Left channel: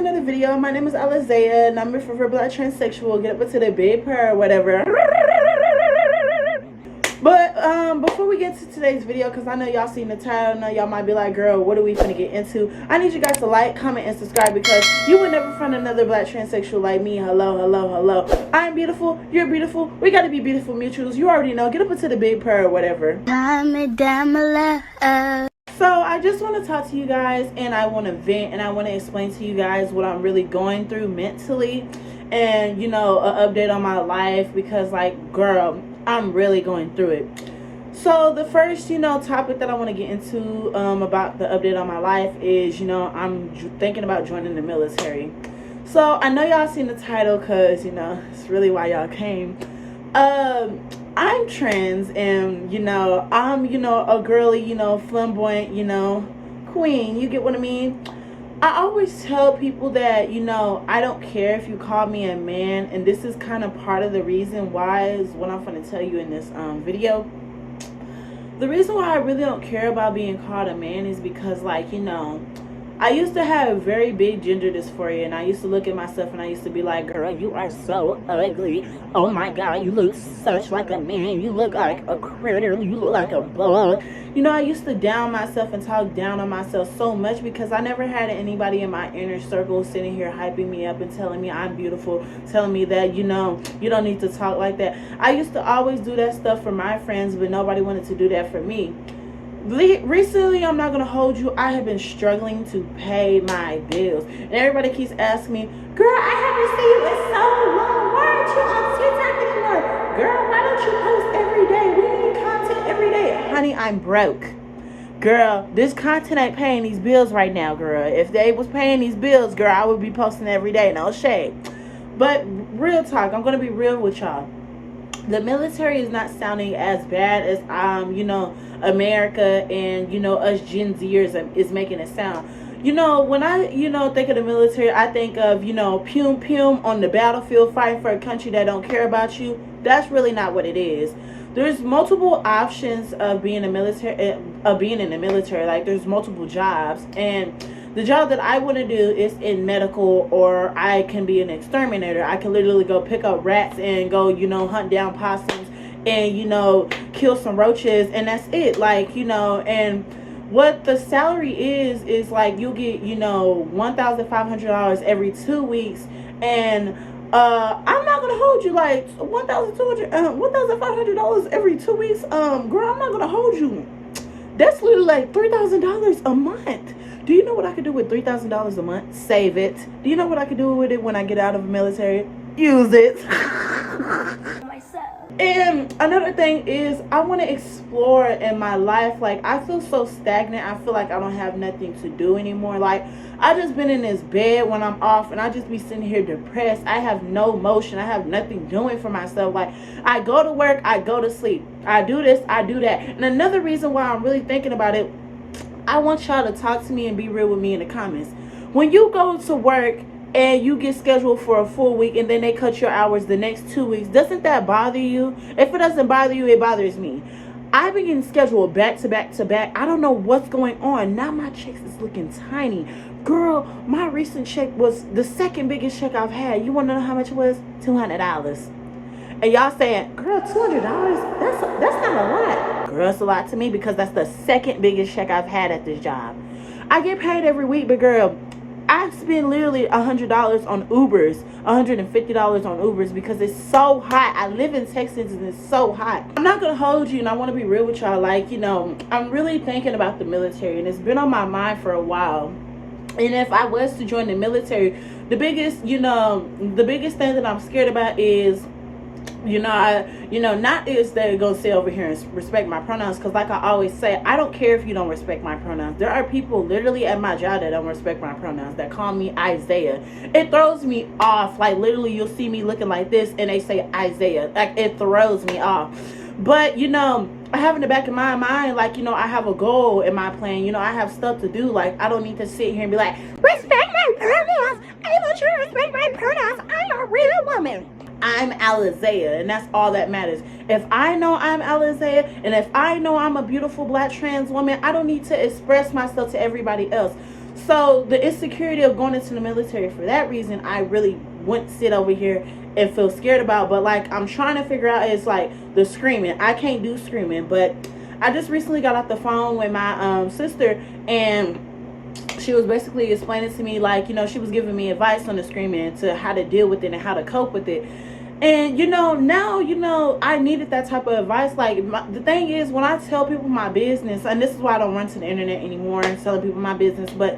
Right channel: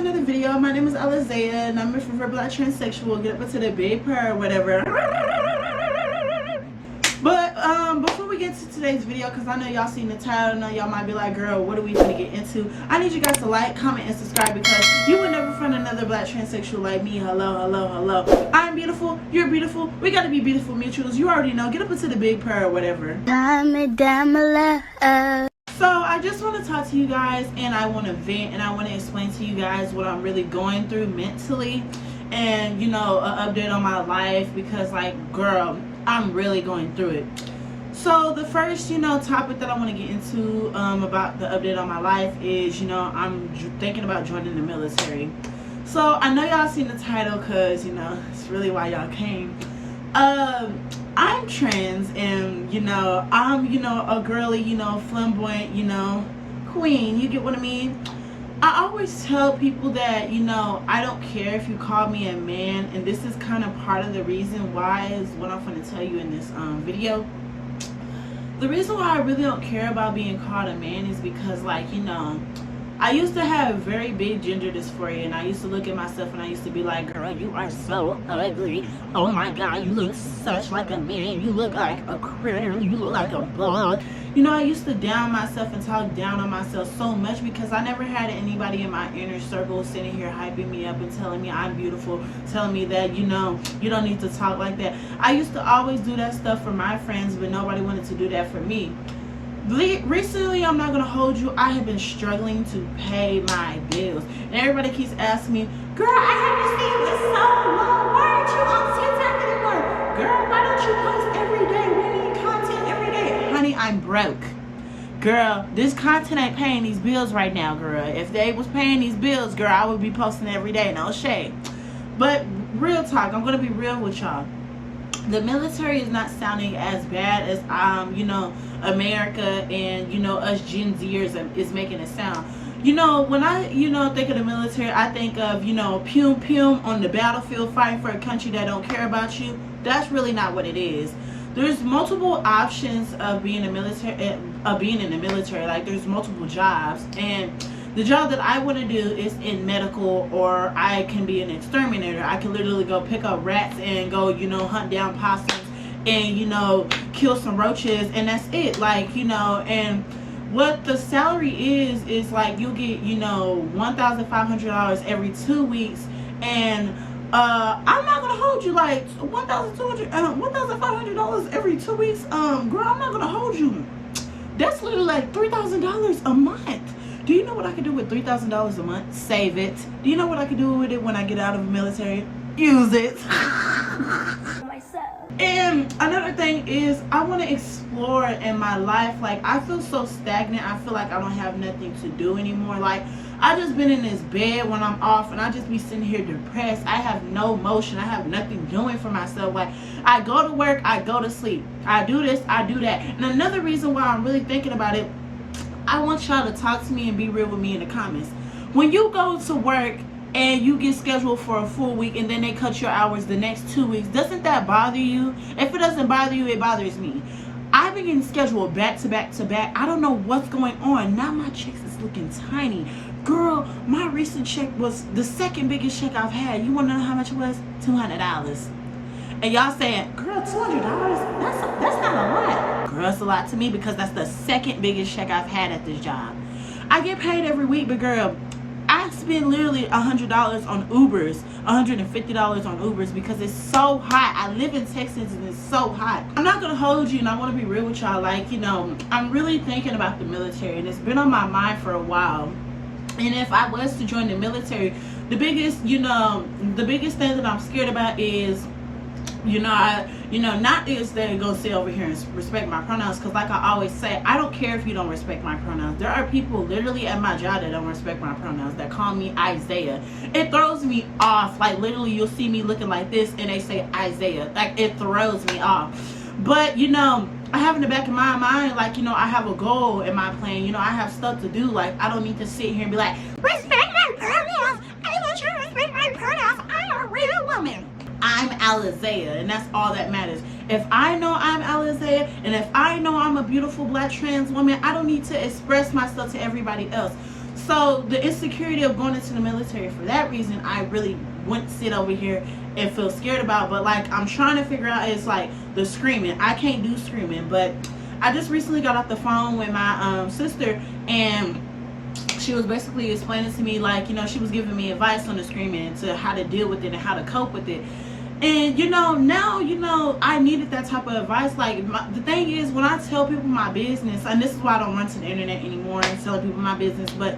another video. My name is Alizea, and I'm a for black transsexual. Get up into the big purr or whatever. But before we get to today's video, because I know y'all seen the title, I know y'all might be like, girl, what are we gonna get into? I need you guys to like, comment, and subscribe, because you will never find another black transsexual like me. Hello, hello, hello. I'm beautiful, you're beautiful, we gotta be beautiful mutuals. You already know. Get up into the big purr or whatever. So I just want to talk to you guys, and I want to vent, and I want to explain to you guys what I'm really going through mentally, and an update on my life, because like, girl, I'm really going through it. So the first topic that I want to get into about the update on my life is I'm thinking about joining the military. So I know y'all seen the title, because it's really why y'all came. I'm trans, and I'm a girly, flamboyant, queen. You get what I mean? I always tell people that I don't care if you call me a man, and this is kind of part of the reason why is what I'm going to tell you in this video. The reason why I really don't care about being called a man is because, like, I used to have very big gender dysphoria, and I used to look at myself and I used to be like, girl, you are so ugly. Oh my God, you look such like a man. You look like a critter. You look like a bug. I used to down myself and talk down on myself so much, because I never had anybody in my inner circle sitting here hyping me up and telling me I'm beautiful, telling me that, you don't need to talk like that. I used to always do that stuff for my friends, but nobody wanted to do that for me. Recently, I'm not gonna hold you, I have been struggling to pay my bills, and everybody keeps asking me, girl, I haven't seen you in so long, why aren't you on TikTok anymore? Girl, why don't you post every day? We need content every day. Honey, I'm broke. Girl, this content ain't paying these bills right now, girl. If they was paying these bills, girl, I would be posting every day, no shade. But real talk, I'm gonna be real with y'all. The military is not sounding as bad as America and us Gen Zers is making it sound. When I think of the military, I think of pum pum on the battlefield fighting for a country that don't care about you. That's really not what it is. There's multiple options of being in the military. Like, there's multiple jobs, and the job that I want to do is in medical, or I can be an exterminator. I can literally go pick up rats and go, hunt down possums and, kill some roaches, and that's it. Like, and what the salary is like, you'll get, $1,500 every 2 weeks, and I'm not gonna hold you, like $1,500 every 2 weeks. Girl, I'm not gonna hold you. That's literally like $3,000 a month. Do you know what I could do with $3,000 a month? Save it. Do you know what I could do with it when I get out of the military? Use it. And another thing is, I want to explore in my life. Like, I feel so stagnant. I feel like I don't have nothing to do anymore. Like, I just been in this bed when I'm off, and I just be sitting here depressed. I have no motion. I have nothing doing for myself. Like, I go to work, I go to sleep. I do this, I do that. And another reason why I'm really thinking about it, I want y'all to talk to me and be real with me in the comments. When you go to work and you get scheduled for a full week, and then they cut your hours the next 2 weeks, doesn't that bother you? If it doesn't bother you, it bothers me. I've been getting scheduled back to back to back. I don't know what's going on. Now my checks is looking tiny. Girl, my recent check was the second biggest check I've had. You want to know how much it was? $200. And y'all saying, girl, $200? That's not a lot. Girl, it's a lot to me, because that's the second biggest check I've had at this job. I get paid every week, but girl, I spend literally $100 on Ubers, $150 on Ubers, because it's so hot. I live in Texas, and it's so hot. I'm not gonna hold you, and I want to be real with y'all. Like, I'm really thinking about the military, and it's been on my mind for a while. And if I was to join the military, the biggest thing that I'm scared about is, not is they're gonna say over here and respect my pronouns, because like I always say, I don't care if you don't respect my pronouns. There are people literally at my job that don't respect my pronouns, that call me Isaiah. It throws me off. Like, literally, you'll see me looking like this and they say Isaiah. Like, it throws me off. But I have in the back of my mind, like, I have a goal in my plan. I have stuff to do. Like, I don't need to sit here and be like, respect my pronouns. I want you to respect my pronouns. I'm a real woman. I'm Alizea, and that's all that matters. If I know I'm Alizea, and if I know I'm a beautiful black trans woman, I don't need to express myself to everybody else. So the insecurity of going into the military, for that reason, I really wouldn't sit over here and feel scared about. But like, I'm trying to figure out is like the screaming. I can't do screaming, but I just recently got off the phone with my sister, and she was basically explaining to me, like, you know, she was giving me advice on the screaming, to how to deal with it and how to cope with it. And you know, now, you know, I needed that type of advice. Like, the thing is, when I tell people my business, and this is why I don't run to the internet anymore and telling people my business, but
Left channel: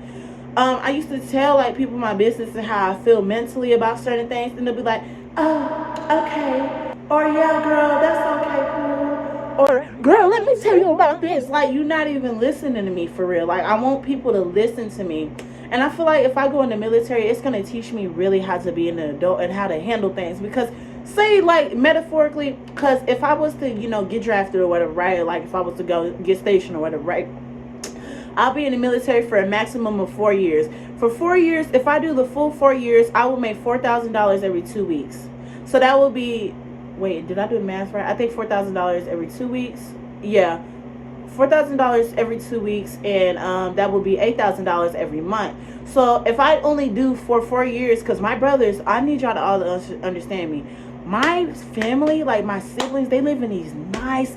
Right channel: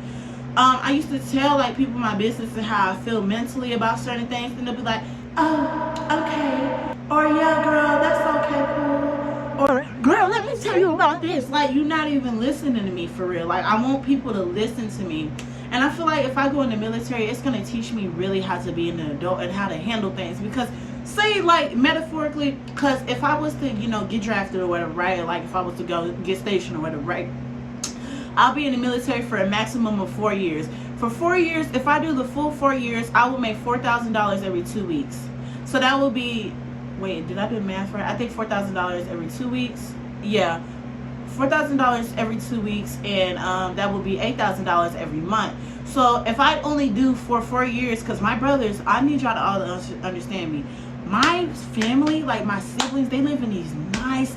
I used to tell like people my business and how I feel mentally about certain things, and they'll be like, oh, okay, or yeah, girl, that's okay, cool, or girl, let me tell you about this. Like, you're not even listening to me for real. Like, I want people to listen to me. And I feel like if I go in the military, it's going to teach me really how to be an adult and how to handle things. Because, say, like, metaphorically, because if I was to, you know, get drafted or whatever, right? Like, if I was to go get stationed or whatever, right? I'll be in the military for a maximum of 4 years. For 4 years, if I do the full 4 years, I will make $4,000 every 2 weeks. So that will be, wait, did I do the math right? I think $4,000 every 2 weeks. Yeah, $4,000 every 2 weeks, and that would be $8,000 every month. So if I only do for 4 years, because my brothers, I need y'all to all understand me. My family, like my siblings, they live in these nice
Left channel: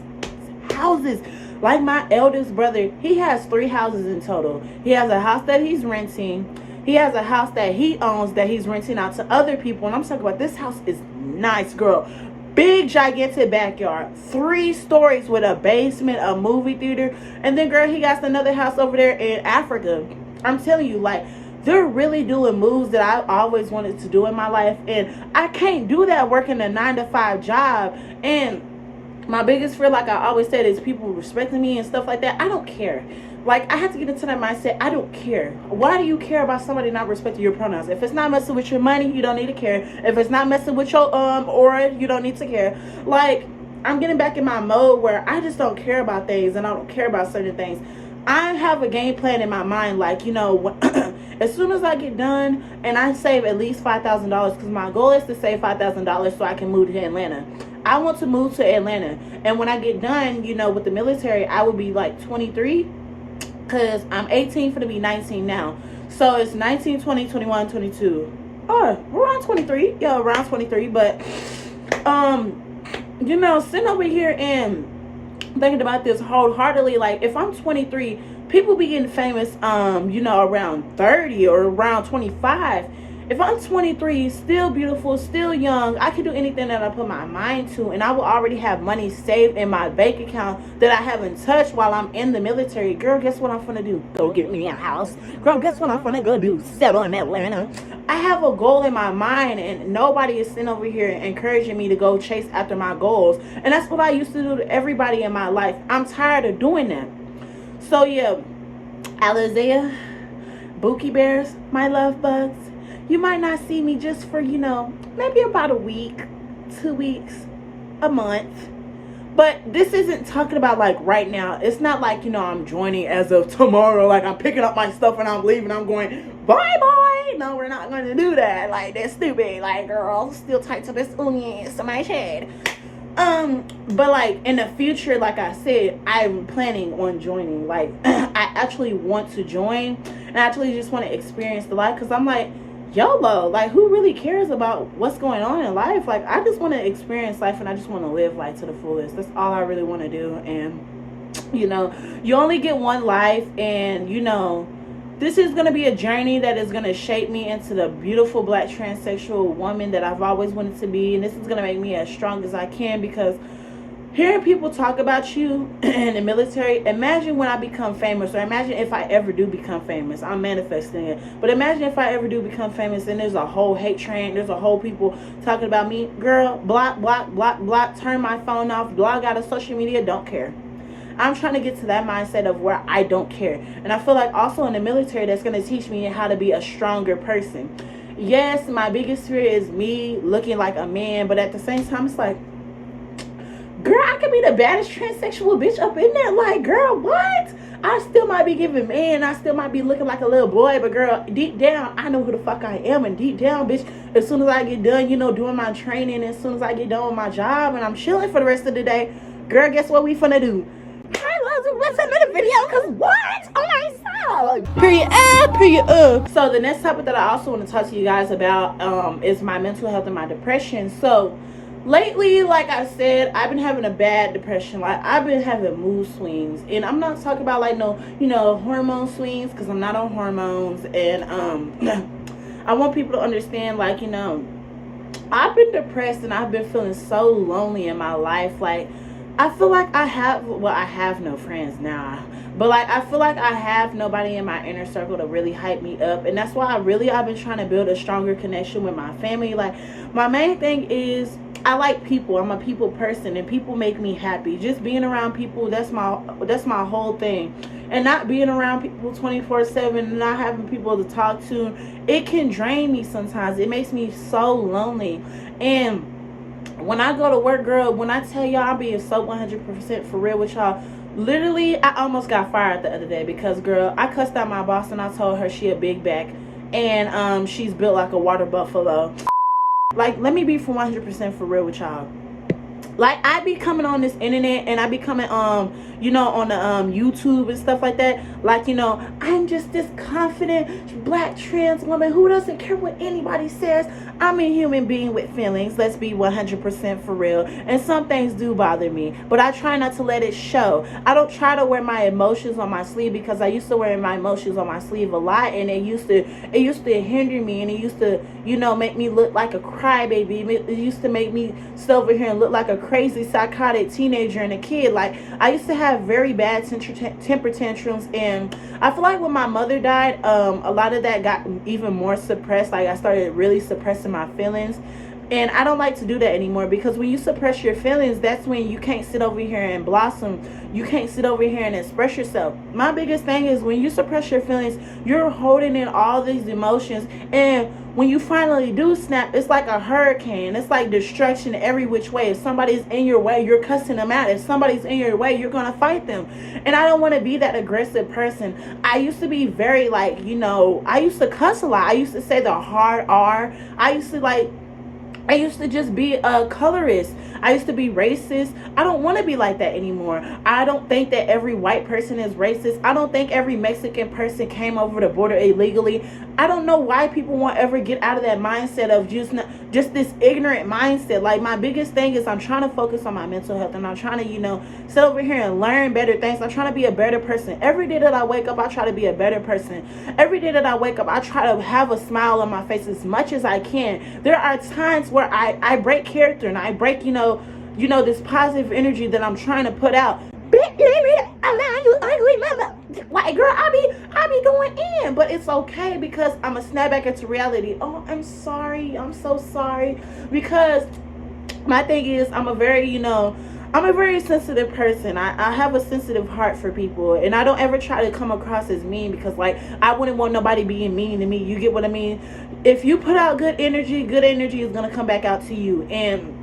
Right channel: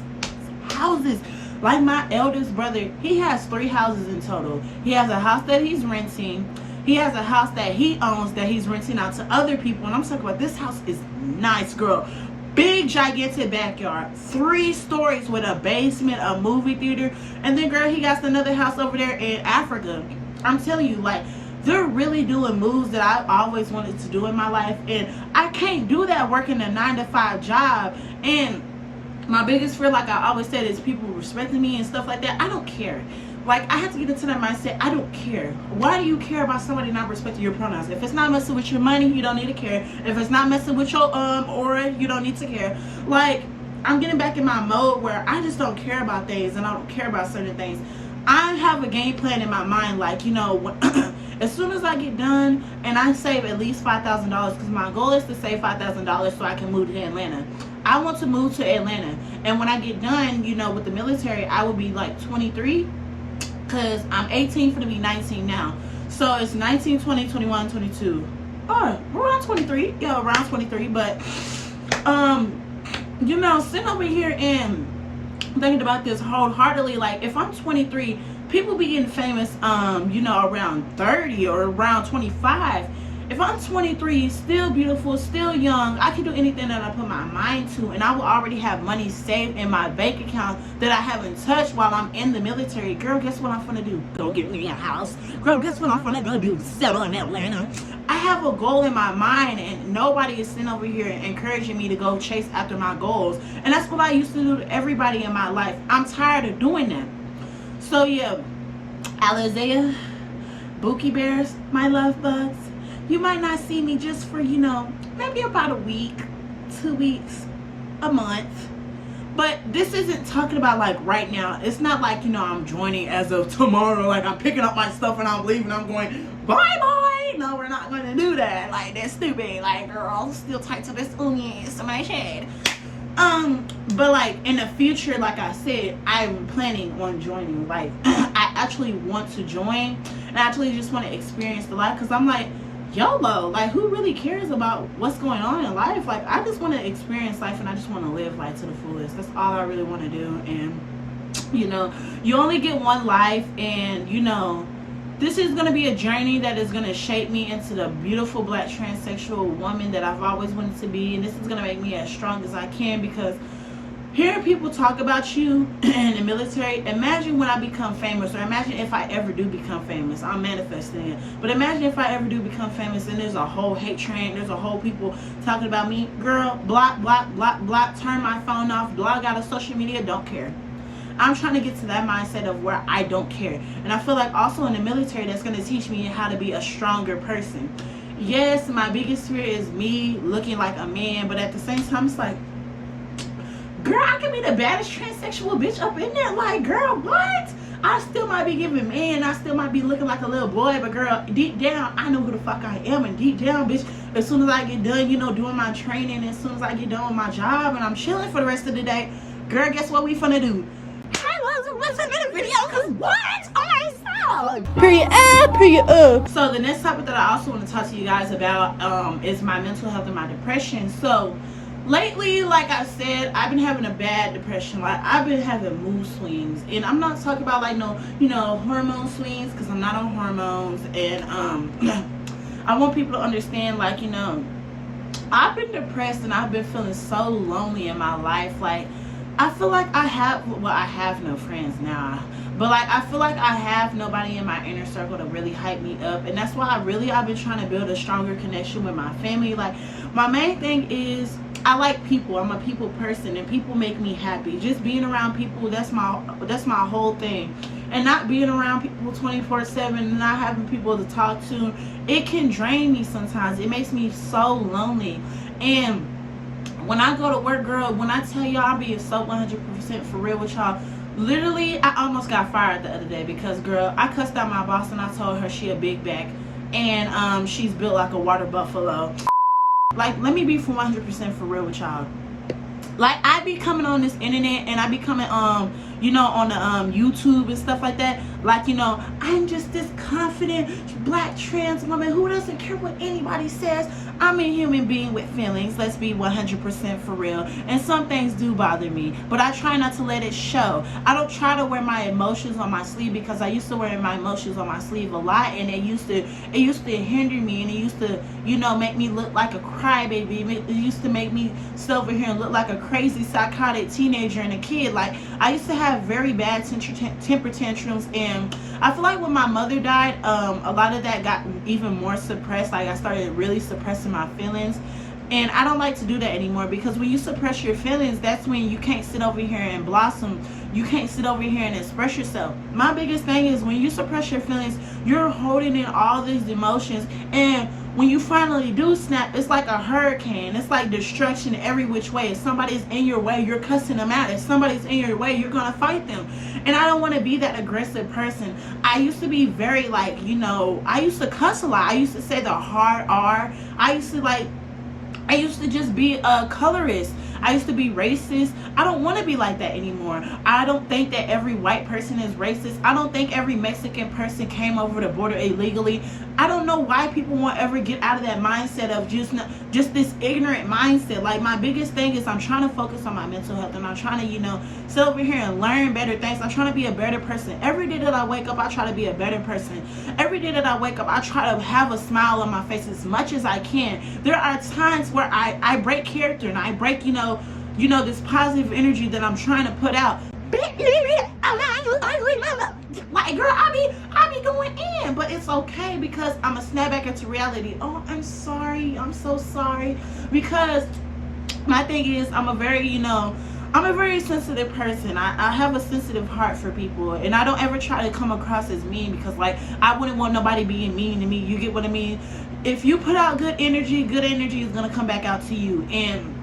houses. Like my eldest brother, he has 3 houses in total. He has a house that he's renting. He has a house that he owns that he's renting out to other people. And I'm talking about, this house is nice, girl. Big, gigantic backyard. 3 stories with a basement, a movie theater. And then, girl, he got another house over there in Africa. I'm telling you, like, they're really doing moves that I always wanted to do in my life. And I can't do that working a 9-to-5 job. And my biggest fear, like I always said, is people respecting me and stuff like that. I don't care. Like, I have to get into that mindset. I don't care. Why do you care about somebody not respecting your pronouns? If it's not messing with your money, you don't need to care. If it's not messing with your aura, you don't need to care. Like, I'm getting back in my mode where I just don't care about things, and I don't care about certain things. I have a game plan in my mind, like, you know, as soon as I get done and I save at least $5,000, because my goal is to save $5,000 so I can move to Atlanta. I want to move to Atlanta. And when I get done, you know, with the military, I would be like 23, because I'm 18 for to be 19 now. So it's 19, 20, 21, 22. Or around 23. Yeah, around 23. But, you know, sitting over here and thinking about this wholeheartedly, like, if I'm 23, people be getting famous, you know, around 30 or around 25. If I'm 23, still beautiful, still young, I can do anything that I put my mind to, and I will already have money saved in my bank account that I haven't touched while I'm in the military. Girl, guess what I'm gonna do? Go get me a house. Girl, guess what I'm gonna go do? Settle in Atlanta. I have a goal in my mind, and nobody is sitting over here encouraging me to go chase after my goals. And that's what I used to do to everybody in my life. I'm tired of doing that. So yeah, Alizea, Bookie Bears, my love bugs, you might not see me just for, you know, maybe about a week, 2 weeks, a month. But this isn't talking about like right now. It's not like, you know, I'm joining as of tomorrow. Like, I'm picking up my stuff and I'm leaving. I'm going, bye-bye. No, we're not going to do that. Like, that's stupid. Like, girl, still tight to this onions to my head. But like in the future, like I said, I'm planning on joining. Like, I actually want to join. And I actually just want to experience the life, because I'm like, YOLO, like, who really cares about what's going on in life? Like, I just want to experience life, and I just want to live life to the fullest. That's all I really want to do. And, you know, you only get one life, and, you know, this is going to be a journey that is going to shape me into the beautiful black transsexual woman that I've always wanted to be. And this is going to make me as strong as I can, because hearing people talk about you in the military, imagine when I become famous, or imagine if I ever do become famous. I'm manifesting it. But imagine if I ever do become famous and there's a whole hate train, there's a whole people talking about me. Girl, block, block, block, block, turn my phone off, blog out of social media, don't care. I'm trying to get to that mindset of where I don't care. And I feel like also in the military, that's going to teach me how to be a stronger person. Yes, my biggest fear is me looking like a man, but at the same time, it's like, girl, I could be the baddest transsexual bitch up in there. Like, girl, what? I still might be giving men. I still might be looking like a little boy. But, girl, deep down, I know who the fuck I am. And deep down, bitch, as soon as I get done, you know, doing my training, as soon as I get done with my job and I'm chilling for the rest of the day, girl, guess what we finna do? I love to listen to the video, because what? Oh, my soul. Period. So the next topic that I also want to talk to you guys about is my mental health and my depression. So lately, like I said, I've been having a bad depression. Like, I've been having mood swings, and I'm not talking about like no, hormone swings, because I'm not on hormones. And I want people to understand, like, I've been depressed and I've been feeling so lonely in my life. Like, I feel like I have no friends now, but like, I feel like I have nobody in my inner circle to really hype me up. And that's why I've been trying to build a stronger connection with my family. Like, my main thing is, I like people. I'm a people person, and people make me happy. Just being around people, that's my whole thing. And not being around people 24/7, and not having people to talk to, it can drain me sometimes. It makes me so lonely. And when I go to work, girl, when I tell y'all, I'm being so 100% for real with y'all. Literally, I almost got fired the other day because, girl, I cussed out my boss and I told her she a big back, and she's built like a water buffalo. Like, let me be for 100% for real with y'all. Like, I be coming on this internet, and I be coming on the YouTube and stuff like that. Like, I'm just this confident black trans woman who doesn't care what anybody says. I'm a human being with feelings. Let's be 100% for real. And some things do bother me, but I try not to let it show. I don't try to wear my emotions on my sleeve, because I used to wear my emotions on my sleeve a lot, and it used to hinder me, and it used to, make me look like a crybaby. It used to make me sit over here and look like a crazy psychotic teenager and a kid. Like, I used to have very bad temper tantrums, and I feel like when my mother died, a lot of that got even more suppressed. Like, I started really suppressing my feelings, and I don't like to do that anymore, because when you suppress your feelings, that's when you can't sit over here and blossom. You can't sit over here and express yourself. My biggest thing is, when you suppress your feelings, you're holding in all these emotions, and when you finally do snap, it's like a hurricane. It's like destruction every which way. If somebody's in your way, you're cussing them out. If somebody's in your way, you're going to fight them. And I don't want to be that aggressive person. I used to be very, like, I used to cuss a lot. I used to say the hard R. I used to just be a colorist. I used to be racist. I don't want to be like that anymore. I don't think that every white person is racist. I don't think every Mexican person came over the border illegally. I don't know why people won't ever get out of that mindset of just this ignorant mindset. Like, my biggest thing is, I'm trying to focus on my mental health, and I'm trying to, sit over here and learn better things. I'm trying to be a better person. Every day that I wake up, I try to be a better person. Every day that I wake up, I try to have a smile on my face as much as I can. There are times where I break character, and I break, this positive energy that I'm trying to put out. You ugly mother. Like, girl, I be going in, but it's okay, because I'm a snap back into reality. Oh, I'm sorry. I'm so sorry. Because my thing is, I'm a very sensitive person. I have a sensitive heart for people, and I don't ever try to come across as mean, because, like, I wouldn't want nobody being mean to me. You get what I mean? If you put out good energy is going to come back out to you. And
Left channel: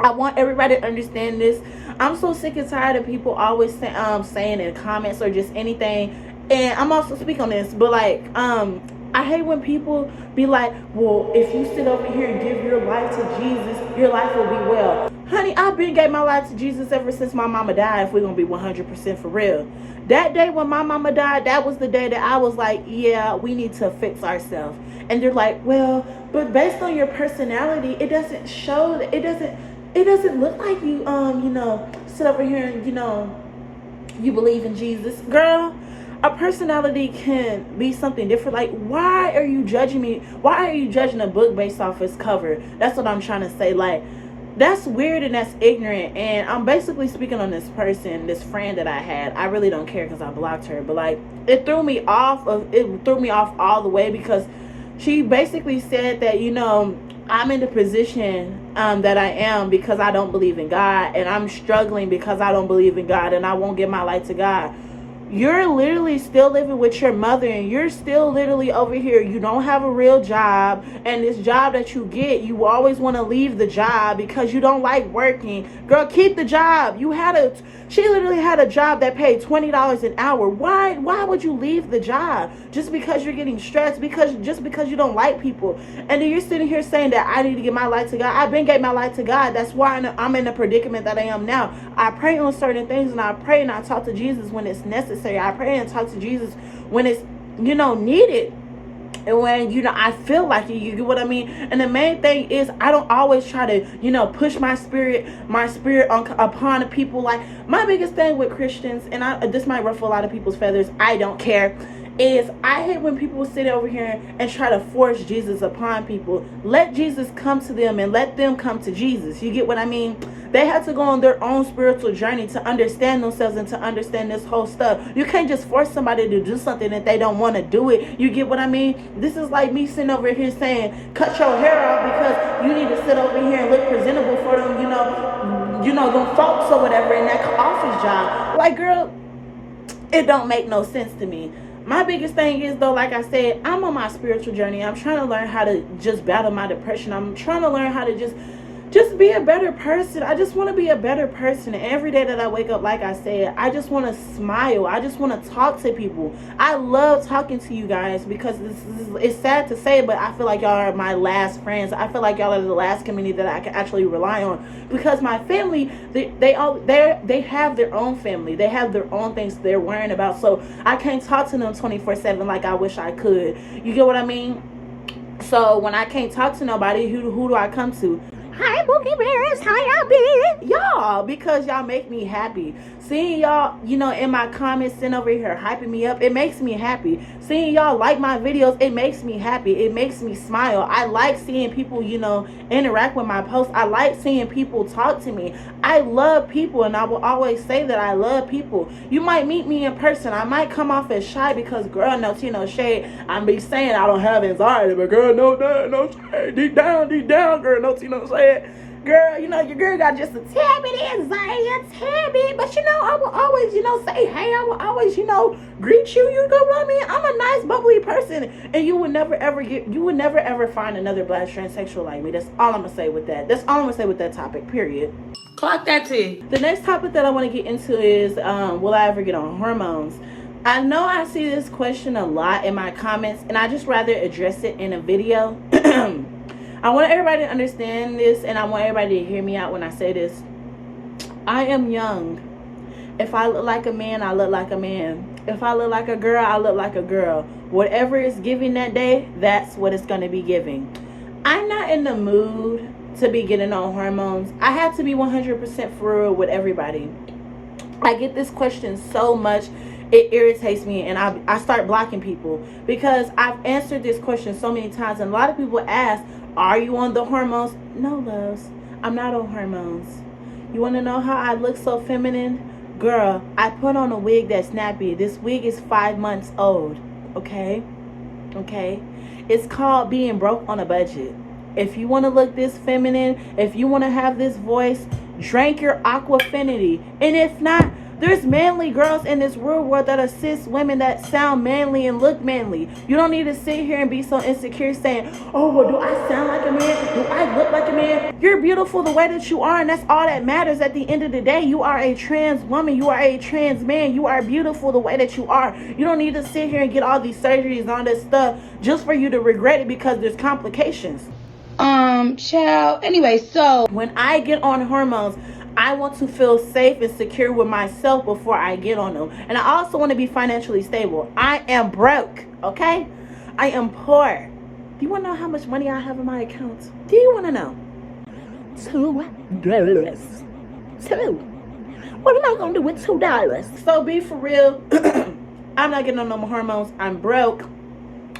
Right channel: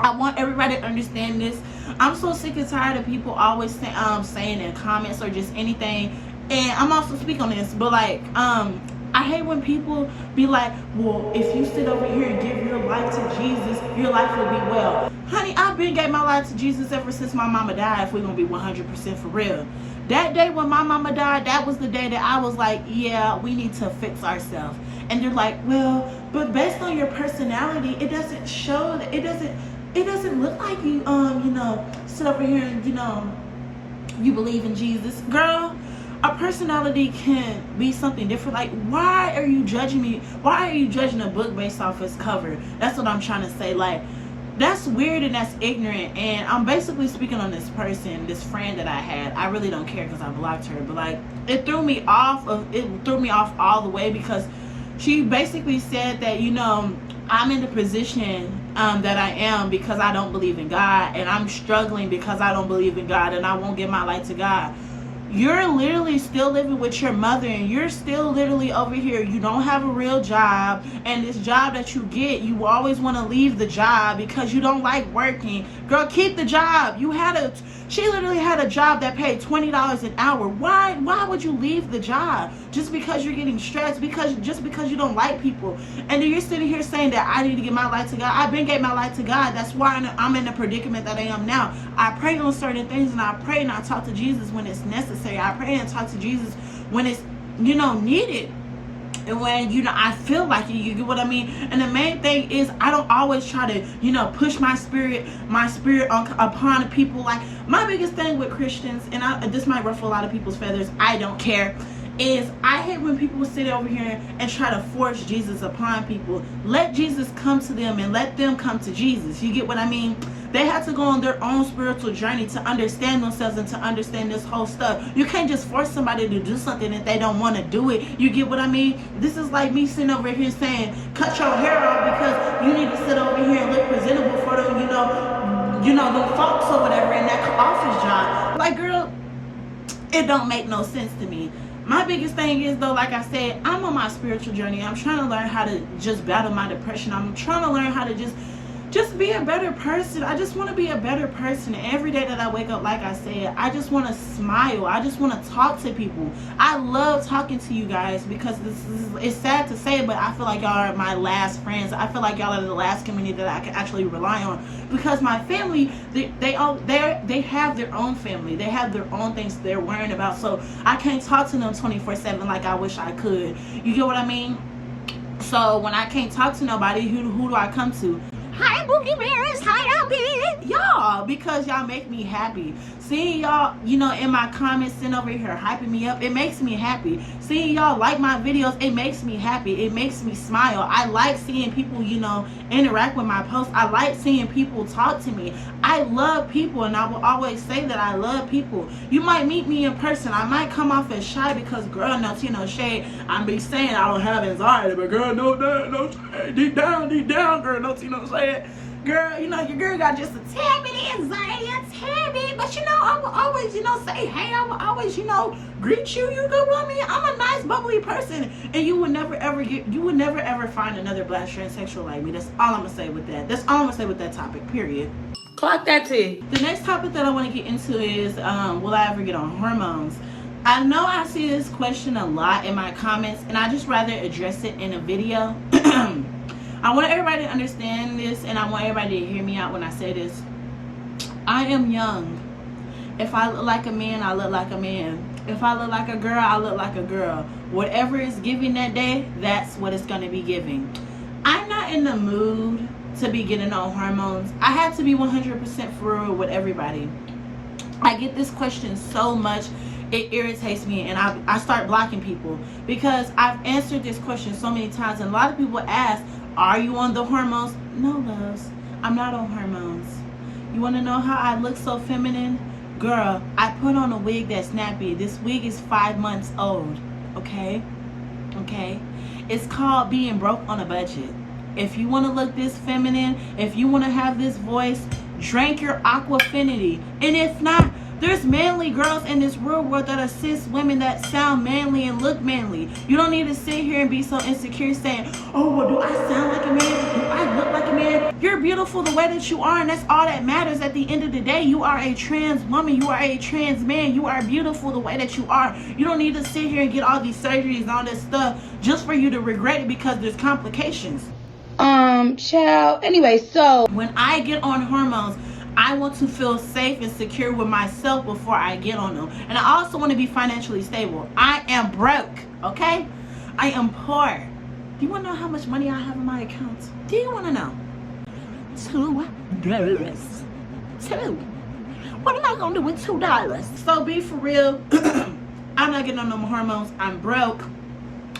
I want everybody to understand this. I'm so sick and tired of people always saying in comments or just anything. And I'm also speaking on this, but like, I hate when people be like, well, if you sit over here and give your life to Jesus, your life will be well. Honey, I've been gave my life to Jesus ever since my mama died, if we're going to be 100% for real. That day when my mama died, that was the day that I was like, yeah, we need to fix ourselves. And they're like, well, but based on your personality, it doesn't show that, it doesn't look like you, sit over here and, you believe in Jesus. Girl, a personality can be something different. Like, why are you judging me? Why are you judging a book based off its cover? That's what I'm trying to say. Like, that's weird and that's ignorant. And I'm basically speaking on this person, this friend that I had. I really don't care because I blocked her. But, like, it threw me off all the way, because she basically said that, I'm in the position that I am because I don't believe in God, and I'm struggling because I don't believe in God, and I won't give my life to God. You're literally still living with your mother, and you're still literally over here. You don't have a real job, and this job that you get, you always want to leave the job because you don't like working. Girl, keep the job. She literally had a job that paid $20 an hour. Why would you leave the job just because you're getting stressed? Just because you don't like people. And then you're sitting here saying that I need to give my life to God. I've been gave my life to God. That's why I'm in the predicament that I am now. I pray on certain things, and I pray and I talk to Jesus when it's necessary. I pray and talk to Jesus when it's need it. And when, I feel like it, you get what I mean? And the main thing is, I don't always try to, push my spirit upon the people. Like, my biggest thing with Christians, and this might ruffle a lot of people's feathers, I don't care, is I hate when people sit over here and try to force Jesus upon people. Let Jesus come to them and let them come to Jesus. You get what I mean? They have to go on their own spiritual journey to understand themselves and to understand this whole stuff. You can't just force somebody to do something if they don't want to do it. You get what I mean? This is like me sitting over here saying, cut your hair off because you need to sit over here and look presentable for them, them folks or whatever in that office job. Like, girl, it don't make no sense to me. My biggest thing is, though, like I said, I'm on my spiritual journey. I'm trying to learn how to just battle my depression. I'm trying to learn how to just be a better person. I just want to be a better person. And every day that I wake up, like I said, I just want to smile. I just want to talk to people. I love talking to you guys because it's sad to say, but I feel like y'all are my last friends. I feel like y'all are the last community that I can actually rely on, because my family, they have their own family. They have their own things they're worrying about. So I can't talk to them 24/7 like I wish I could. You get what I mean? So when I can't talk to nobody, who do I come to? Hi, Bookie Bears. How y'all been? Y'all, because y'all make me happy. Seeing y'all, in my comments, sitting over here hyping me up, it makes me happy. Seeing y'all like my videos, it makes me happy. It makes me smile. I like seeing people, interact with my posts. I like seeing people talk to me. I love people, and I will always say that I love people. You might meet me in person. I might come off as shy because, girl, no tea, no shade. I be saying I don't have anxiety, but girl, no shade. Deep down, girl, no tea, no shade. Girl, your girl got just a tad bit of anxiety, a tad bit, but I will always, say hey. I will always, greet you. You know what I mean? I'm a nice, bubbly person, and you would never ever find another black transsexual like me. That's all I'm gonna say with that. That's all I'm gonna say with that topic. Period. Clock that T. The next topic that I want to get into is, will I ever get on hormones? I know I see this question a lot in my comments, and I just rather address it in a video. I want everybody to understand this, and I want everybody to hear me out when I say this. I am young. If I look like a man, I look like a man. If I look like a girl, I look like a girl. Whatever is giving that day, that's what it's going to be giving. I'm not in the mood to be getting on hormones. I have to be 100% for real with everybody. I get this question so much. It irritates me, and I start blocking people because I've answered this question so many times, and a lot of people ask, are you on the hormones? No, loves. I'm not on hormones. You want to know how I look so feminine? Girl, I put on a wig that's snappy. This wig is 5 months old. Okay? It's called being broke on a budget. If you want to look this feminine, if you want to have this voice, drink your Aquafinity. And if not, there's manly girls in this real world that assist women that sound manly and look manly. You don't need to sit here and be so insecure saying, oh, well, do I sound like a man? Do I look like a man? You're beautiful the way that you are, and that's all that matters at the end of the day. You are a trans woman. You are a trans man. You are beautiful the way that you are. You don't need to sit here and get all these surgeries and all this stuff just for you to regret it because there's complications. Child. Anyway, so when I get on hormones, I want to feel safe and secure with myself before I get on them. And I also want to be financially stable. I am broke, okay? I am poor. Do you want to know how much money I have in my account? Do you want to know? $2. $2. What am I going to do with $2? So be for real. I'm not getting on no more hormones. I'm broke.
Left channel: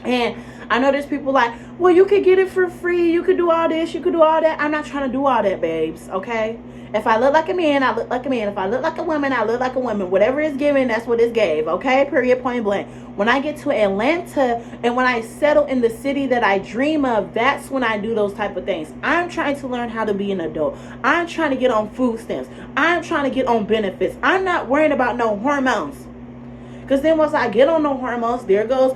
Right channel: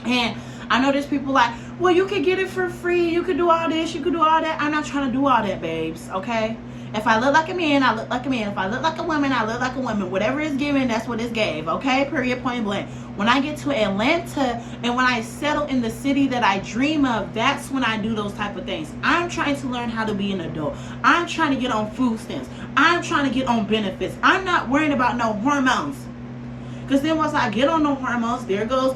And I know there's people like, well, you could get it for free. You could do all this. You could do all that. I'm not trying to do all that, babes, okay? If I look like a man, I look like a man. If I look like a woman, I look like a woman. Whatever is given, that's what is gave, okay? Period, point blank. When I get to Atlanta and when I settle in the city that I dream of, that's when I do those type of things. I'm trying to learn how to be an adult. I'm trying to get on food stamps. I'm trying to get on benefits. I'm not worrying about no hormones. Because then once I get on the hormones, there goes,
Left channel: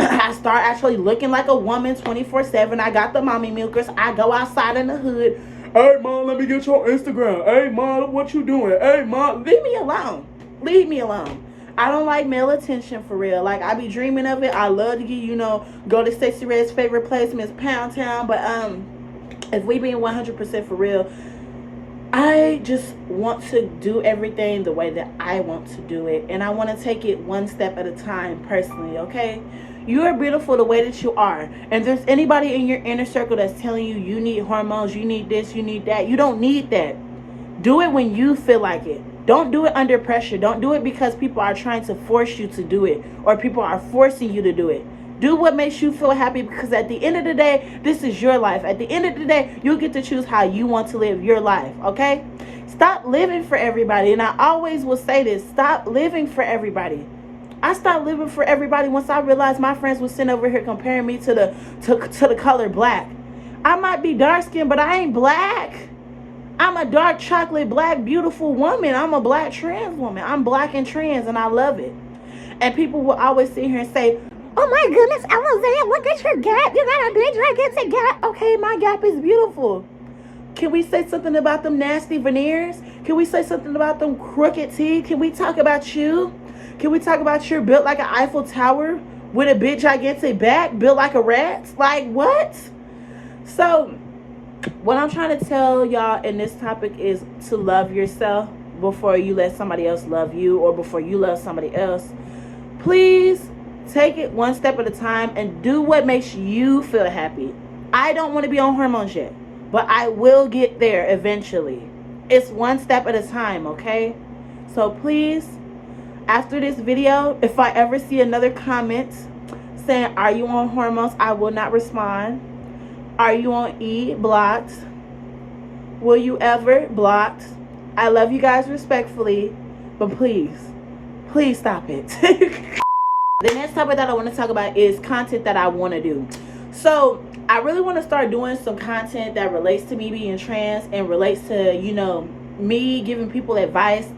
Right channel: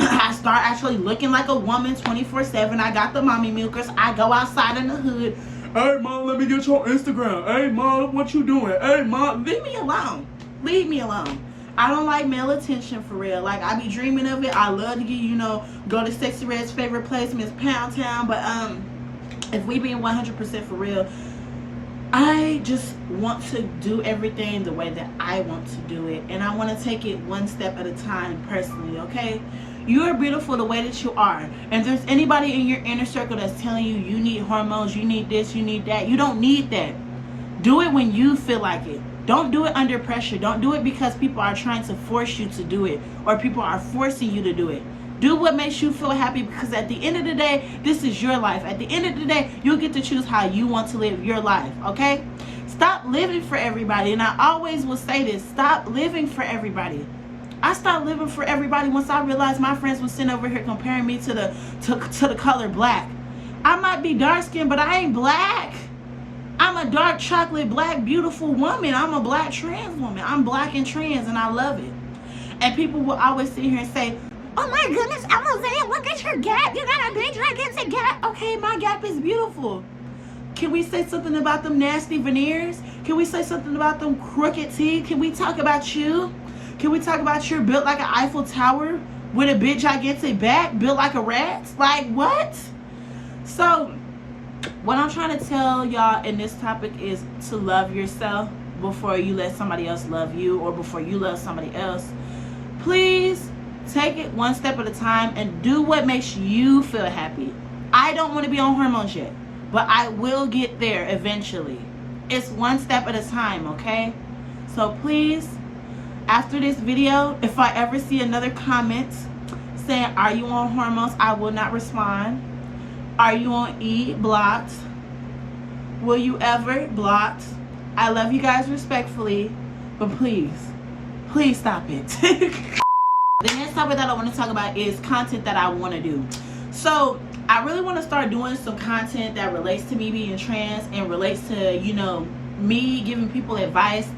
I start actually looking like a woman 24/7. I got the mommy milkers. I go outside in the hood. Hey, Mom, let me get your Instagram. Hey, Mom, what you doing? Hey, Mom, leave me alone. Leave me alone. I don't like male attention for real. Like, I be dreaming of it. I love to get, go to Sexy Red's favorite place, Miss Pound Town. But if we being 100% for real, I just want to do everything the way that I want to do it, and I want to take it one step at a time personally, okay? You are beautiful the way that you are. And if there's anybody in your inner circle that's telling you you need hormones, you need this, you need that, you don't need that. Do it when you feel like it. Don't do it under pressure. Don't do it because people are trying to force you to do it, or people are forcing you to do it. Do what makes you feel happy, because at the end of the day, this is your life. At the end of the day, you get to choose how you want to live your life, okay? Stop living for everybody. And I always will say this, stop living for everybody. I stopped living for everybody once I realized my friends were sitting over here comparing me to the color black. I might be dark skinned, but I ain't black. I'm a dark chocolate black beautiful woman. I'm a black trans woman. I'm black and trans, and I love it. And people will always sit here and say, oh my goodness, Alizé, look at your gap. You got a big gigantic gap. Okay, my gap is beautiful. Can we say something about them nasty veneers? Can we say something about them crooked teeth? Can we talk about you? Can we talk about you're built like an Eiffel Tower with a big gigantic back, built like a rat? Like, what? So, what I'm trying to tell y'all in this topic is to love yourself before you let somebody else love you, or before you love somebody else. Please take it one step at a time and do what makes you feel happy. I don't want to be on hormones yet, but I will get there eventually. It's one step at a time, okay? So please, after this video, if I ever see another comment saying, are you on hormones? I will not respond. Are you on E? Blocked. Will you ever? Blocked. I love you guys respectfully, but please stop it. The next topic that I want to talk about is content that I want to do. So I really want to start doing some content that relates to me being trans and relates to, you know, me giving people advice.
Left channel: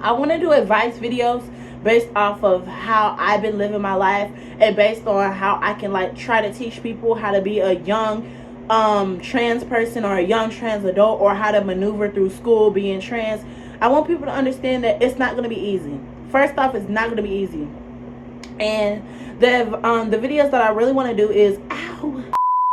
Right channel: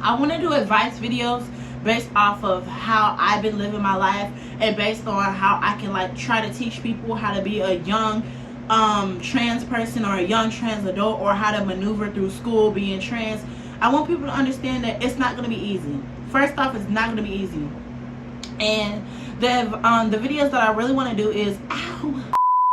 I want to do advice videos based off of how I've been living my life, and based on how I can like try to teach people how to be a young trans person, or a young trans adult, or how to maneuver through school being trans. I want people to understand that it's not going to be easy. First off, it's not going to be easy. And the videos that I really want to do is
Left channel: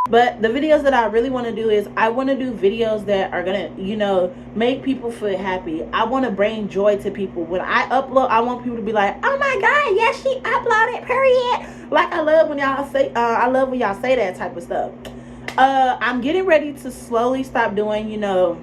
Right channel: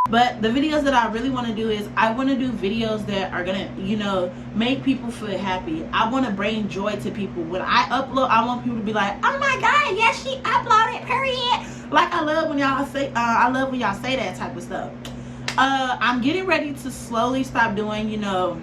but the videos that I really want to do is I want to do videos that are gonna, you know, make people feel happy. I want to bring joy to people. When I upload, I want people to be like, oh my god, yes, she uploaded, period. Like, I love when y'all say that type of stuff. I'm getting ready to slowly stop doing, you know,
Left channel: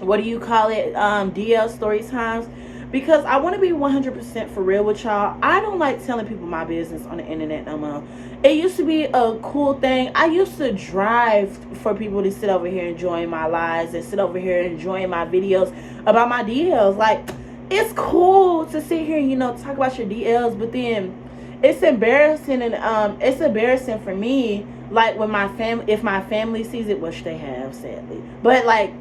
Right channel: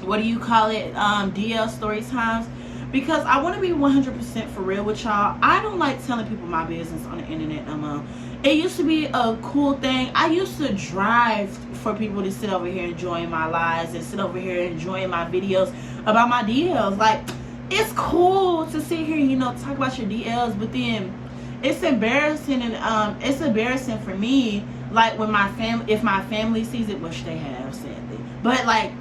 what do you call it, DL story times, because I want to be 100% for real with y'all. I don't like telling people my business on the internet no more. It used to be a cool thing. I used to drive for people to sit over here enjoying my lives and sit over here enjoying my videos about my DLs. Like, it's cool to sit here and, you know, talk about your DLs, but then it's embarrassing, and it's embarrassing for me, like, when if my family sees it, which they have, sadly. But like,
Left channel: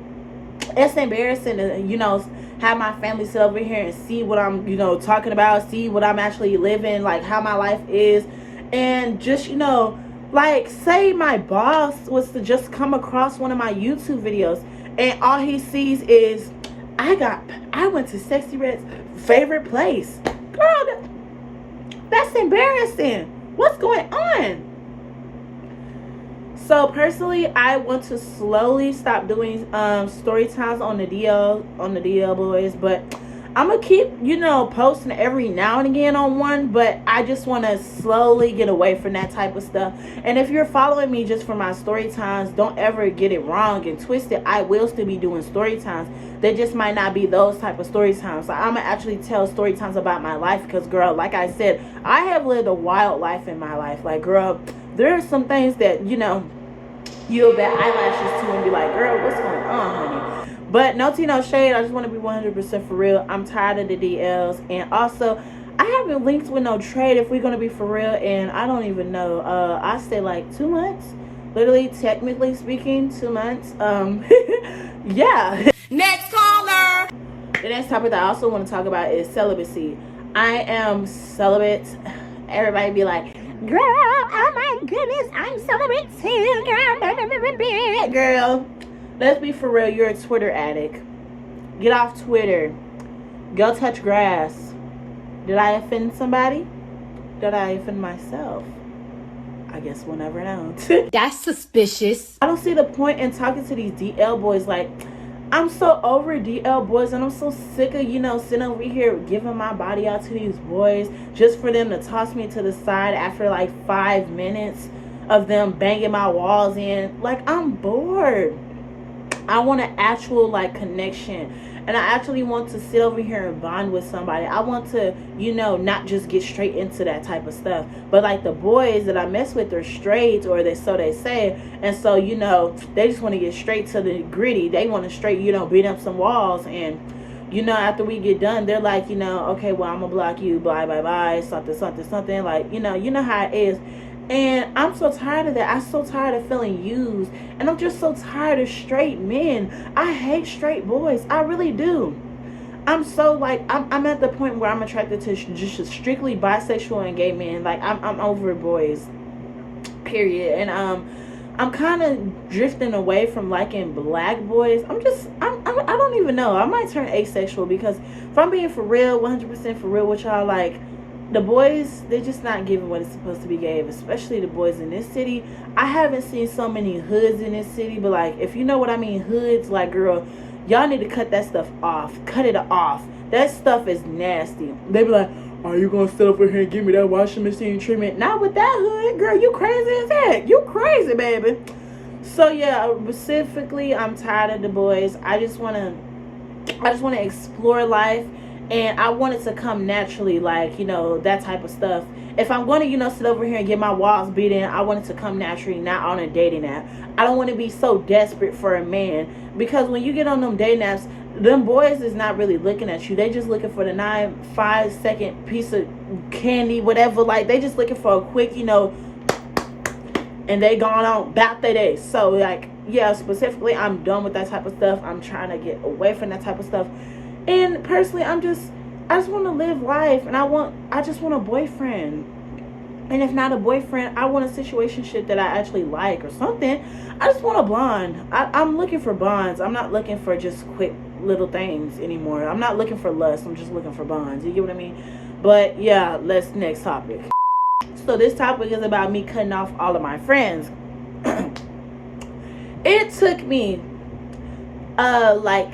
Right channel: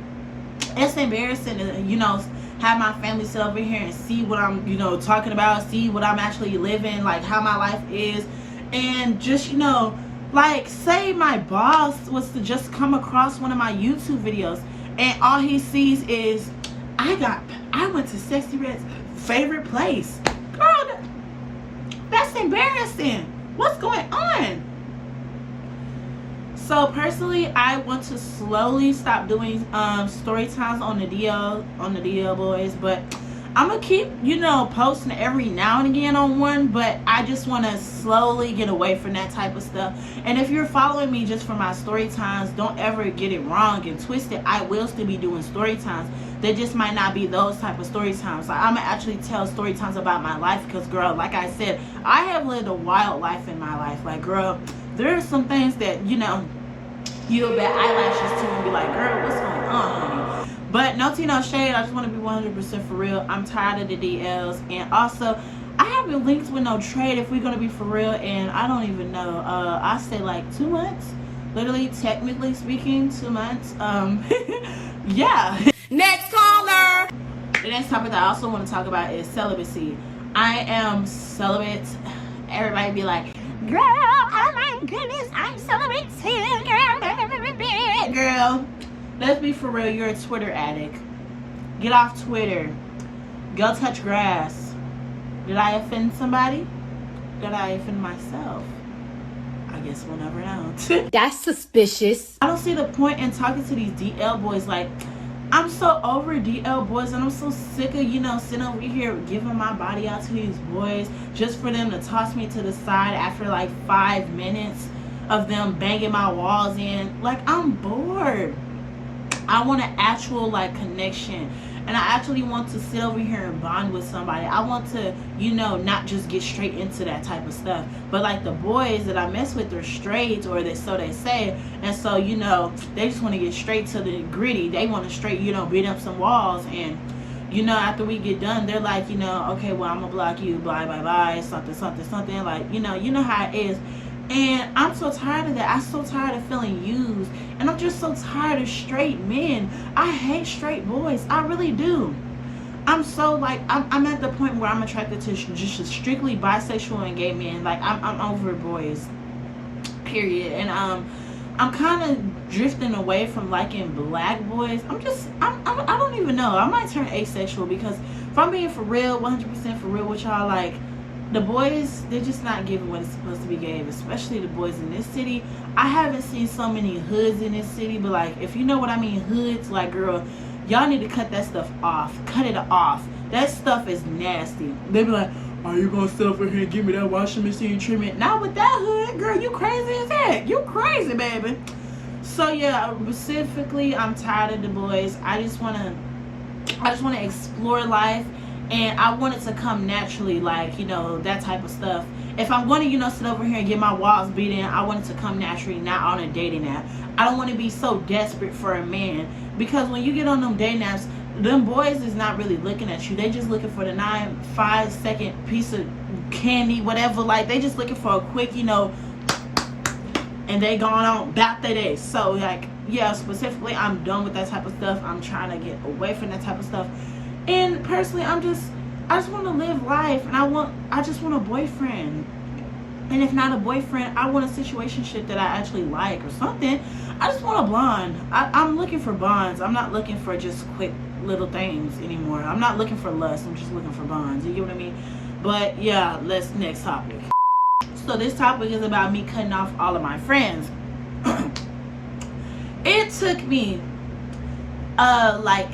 it's embarrassing to, you know, have my family sit over here and see what I'm, you know, talking about, see what I'm actually living, like how my life is. And just, you know, like, say my boss was to just come across one of my YouTube videos and all he sees is I went to Sexy Red's favorite place. Girl, that's embarrassing. What's going on? So personally, I want to slowly stop doing story times on the DL boys, but I'm gonna keep, you know, posting every now and again on one, but I just want to slowly get away from that type of stuff. And if you're following me just for my story times, don't ever get it wrong and twist it. I will still be doing story times. They just might not be those type of story times. So I'm gonna actually tell story times about my life, because girl, like I said, I have lived a wild life in my life. Like, girl, there are some things that, you know, you'll bet eyelashes to and be like, girl, what's going on, honey? But no tea, no shade. I just want to be 100% for real. I'm tired of the DLs. And also, I haven't linked with no trade, if we're going to be for real. And I don't even know. I say like 2 months. Literally, technically speaking, 2 months. Yeah. Next caller. The next topic that I also want to talk about is celibacy. I am celibate. Everybody be like, girl, oh my goodness, I'm celibate too, girl. Girl, let's be for real. You're a Twitter addict. Get off Twitter. Go touch grass. Did I offend somebody? Did I offend myself? I guess we'll never know. That's suspicious. I don't see the point in talking to these DL boys like, I'm so over DL boys, and I'm so sick of, sitting over here giving my body out to these boys just for them to toss me to the side after like 5 minutes of them banging my walls in. Like, I'm bored. I want an actual like connection, and I actually want to sit over here and bond with somebody. I want to, not just get straight into that type of stuff. But like the boys that I mess with are straight, or so they say, and so they just want to get straight to the gritty. They want to straight beat up some walls, and after we get done, they're like, okay, well, I'm gonna block you, bye bye bye, something something something, like you know how it is. And I'm so tired of that. I'm so tired of feeling used. And I'm just so tired of straight men. I hate straight boys. I really do. I'm so like, I'm at the point where I'm attracted to just strictly bisexual and gay men. Like, I'm over boys. Period. And I'm kind of drifting away from liking black boys. I don't even know. I might turn asexual, because if I'm being for real, 100% for real with y'all, like, the boys, they're just not giving what it's supposed to be gave, especially the boys in this city. I haven't seen so many hoods in this city, but like, if you know what I mean, hoods, like, girl, y'all need to cut that stuff off. Cut it off. That stuff is nasty. They be like, are you gonna sit over here and give me that washing machine treatment? Not with that hood, girl. You crazy as heck. You crazy, baby. So yeah, specifically, I'm tired of the boys. I just wanna explore life. And I want it to come naturally, like, that type of stuff. If I'm going to, sit over here and get my walls beat in, I want it to come naturally, not on a dating app. I don't want to be so desperate for a man, because when you get on them dating apps, them boys is not really looking at you. They just looking for the 5-second piece of candy, whatever. Like, they just looking for a quick, and they going on about their day. So, like, yeah, specifically, I'm done with that type of stuff. I'm trying to get away from that type of stuff. And personally, I just want to live life, and I just want a boyfriend. And if not a boyfriend, I want a situationship that I actually like or something. I just want a bond. I'm looking for bonds. I'm not looking for just quick little things anymore. I'm not looking for lust. I'm just looking for bonds. You get what I mean? But yeah, next topic. So this topic is about me cutting off all of my friends. It took me like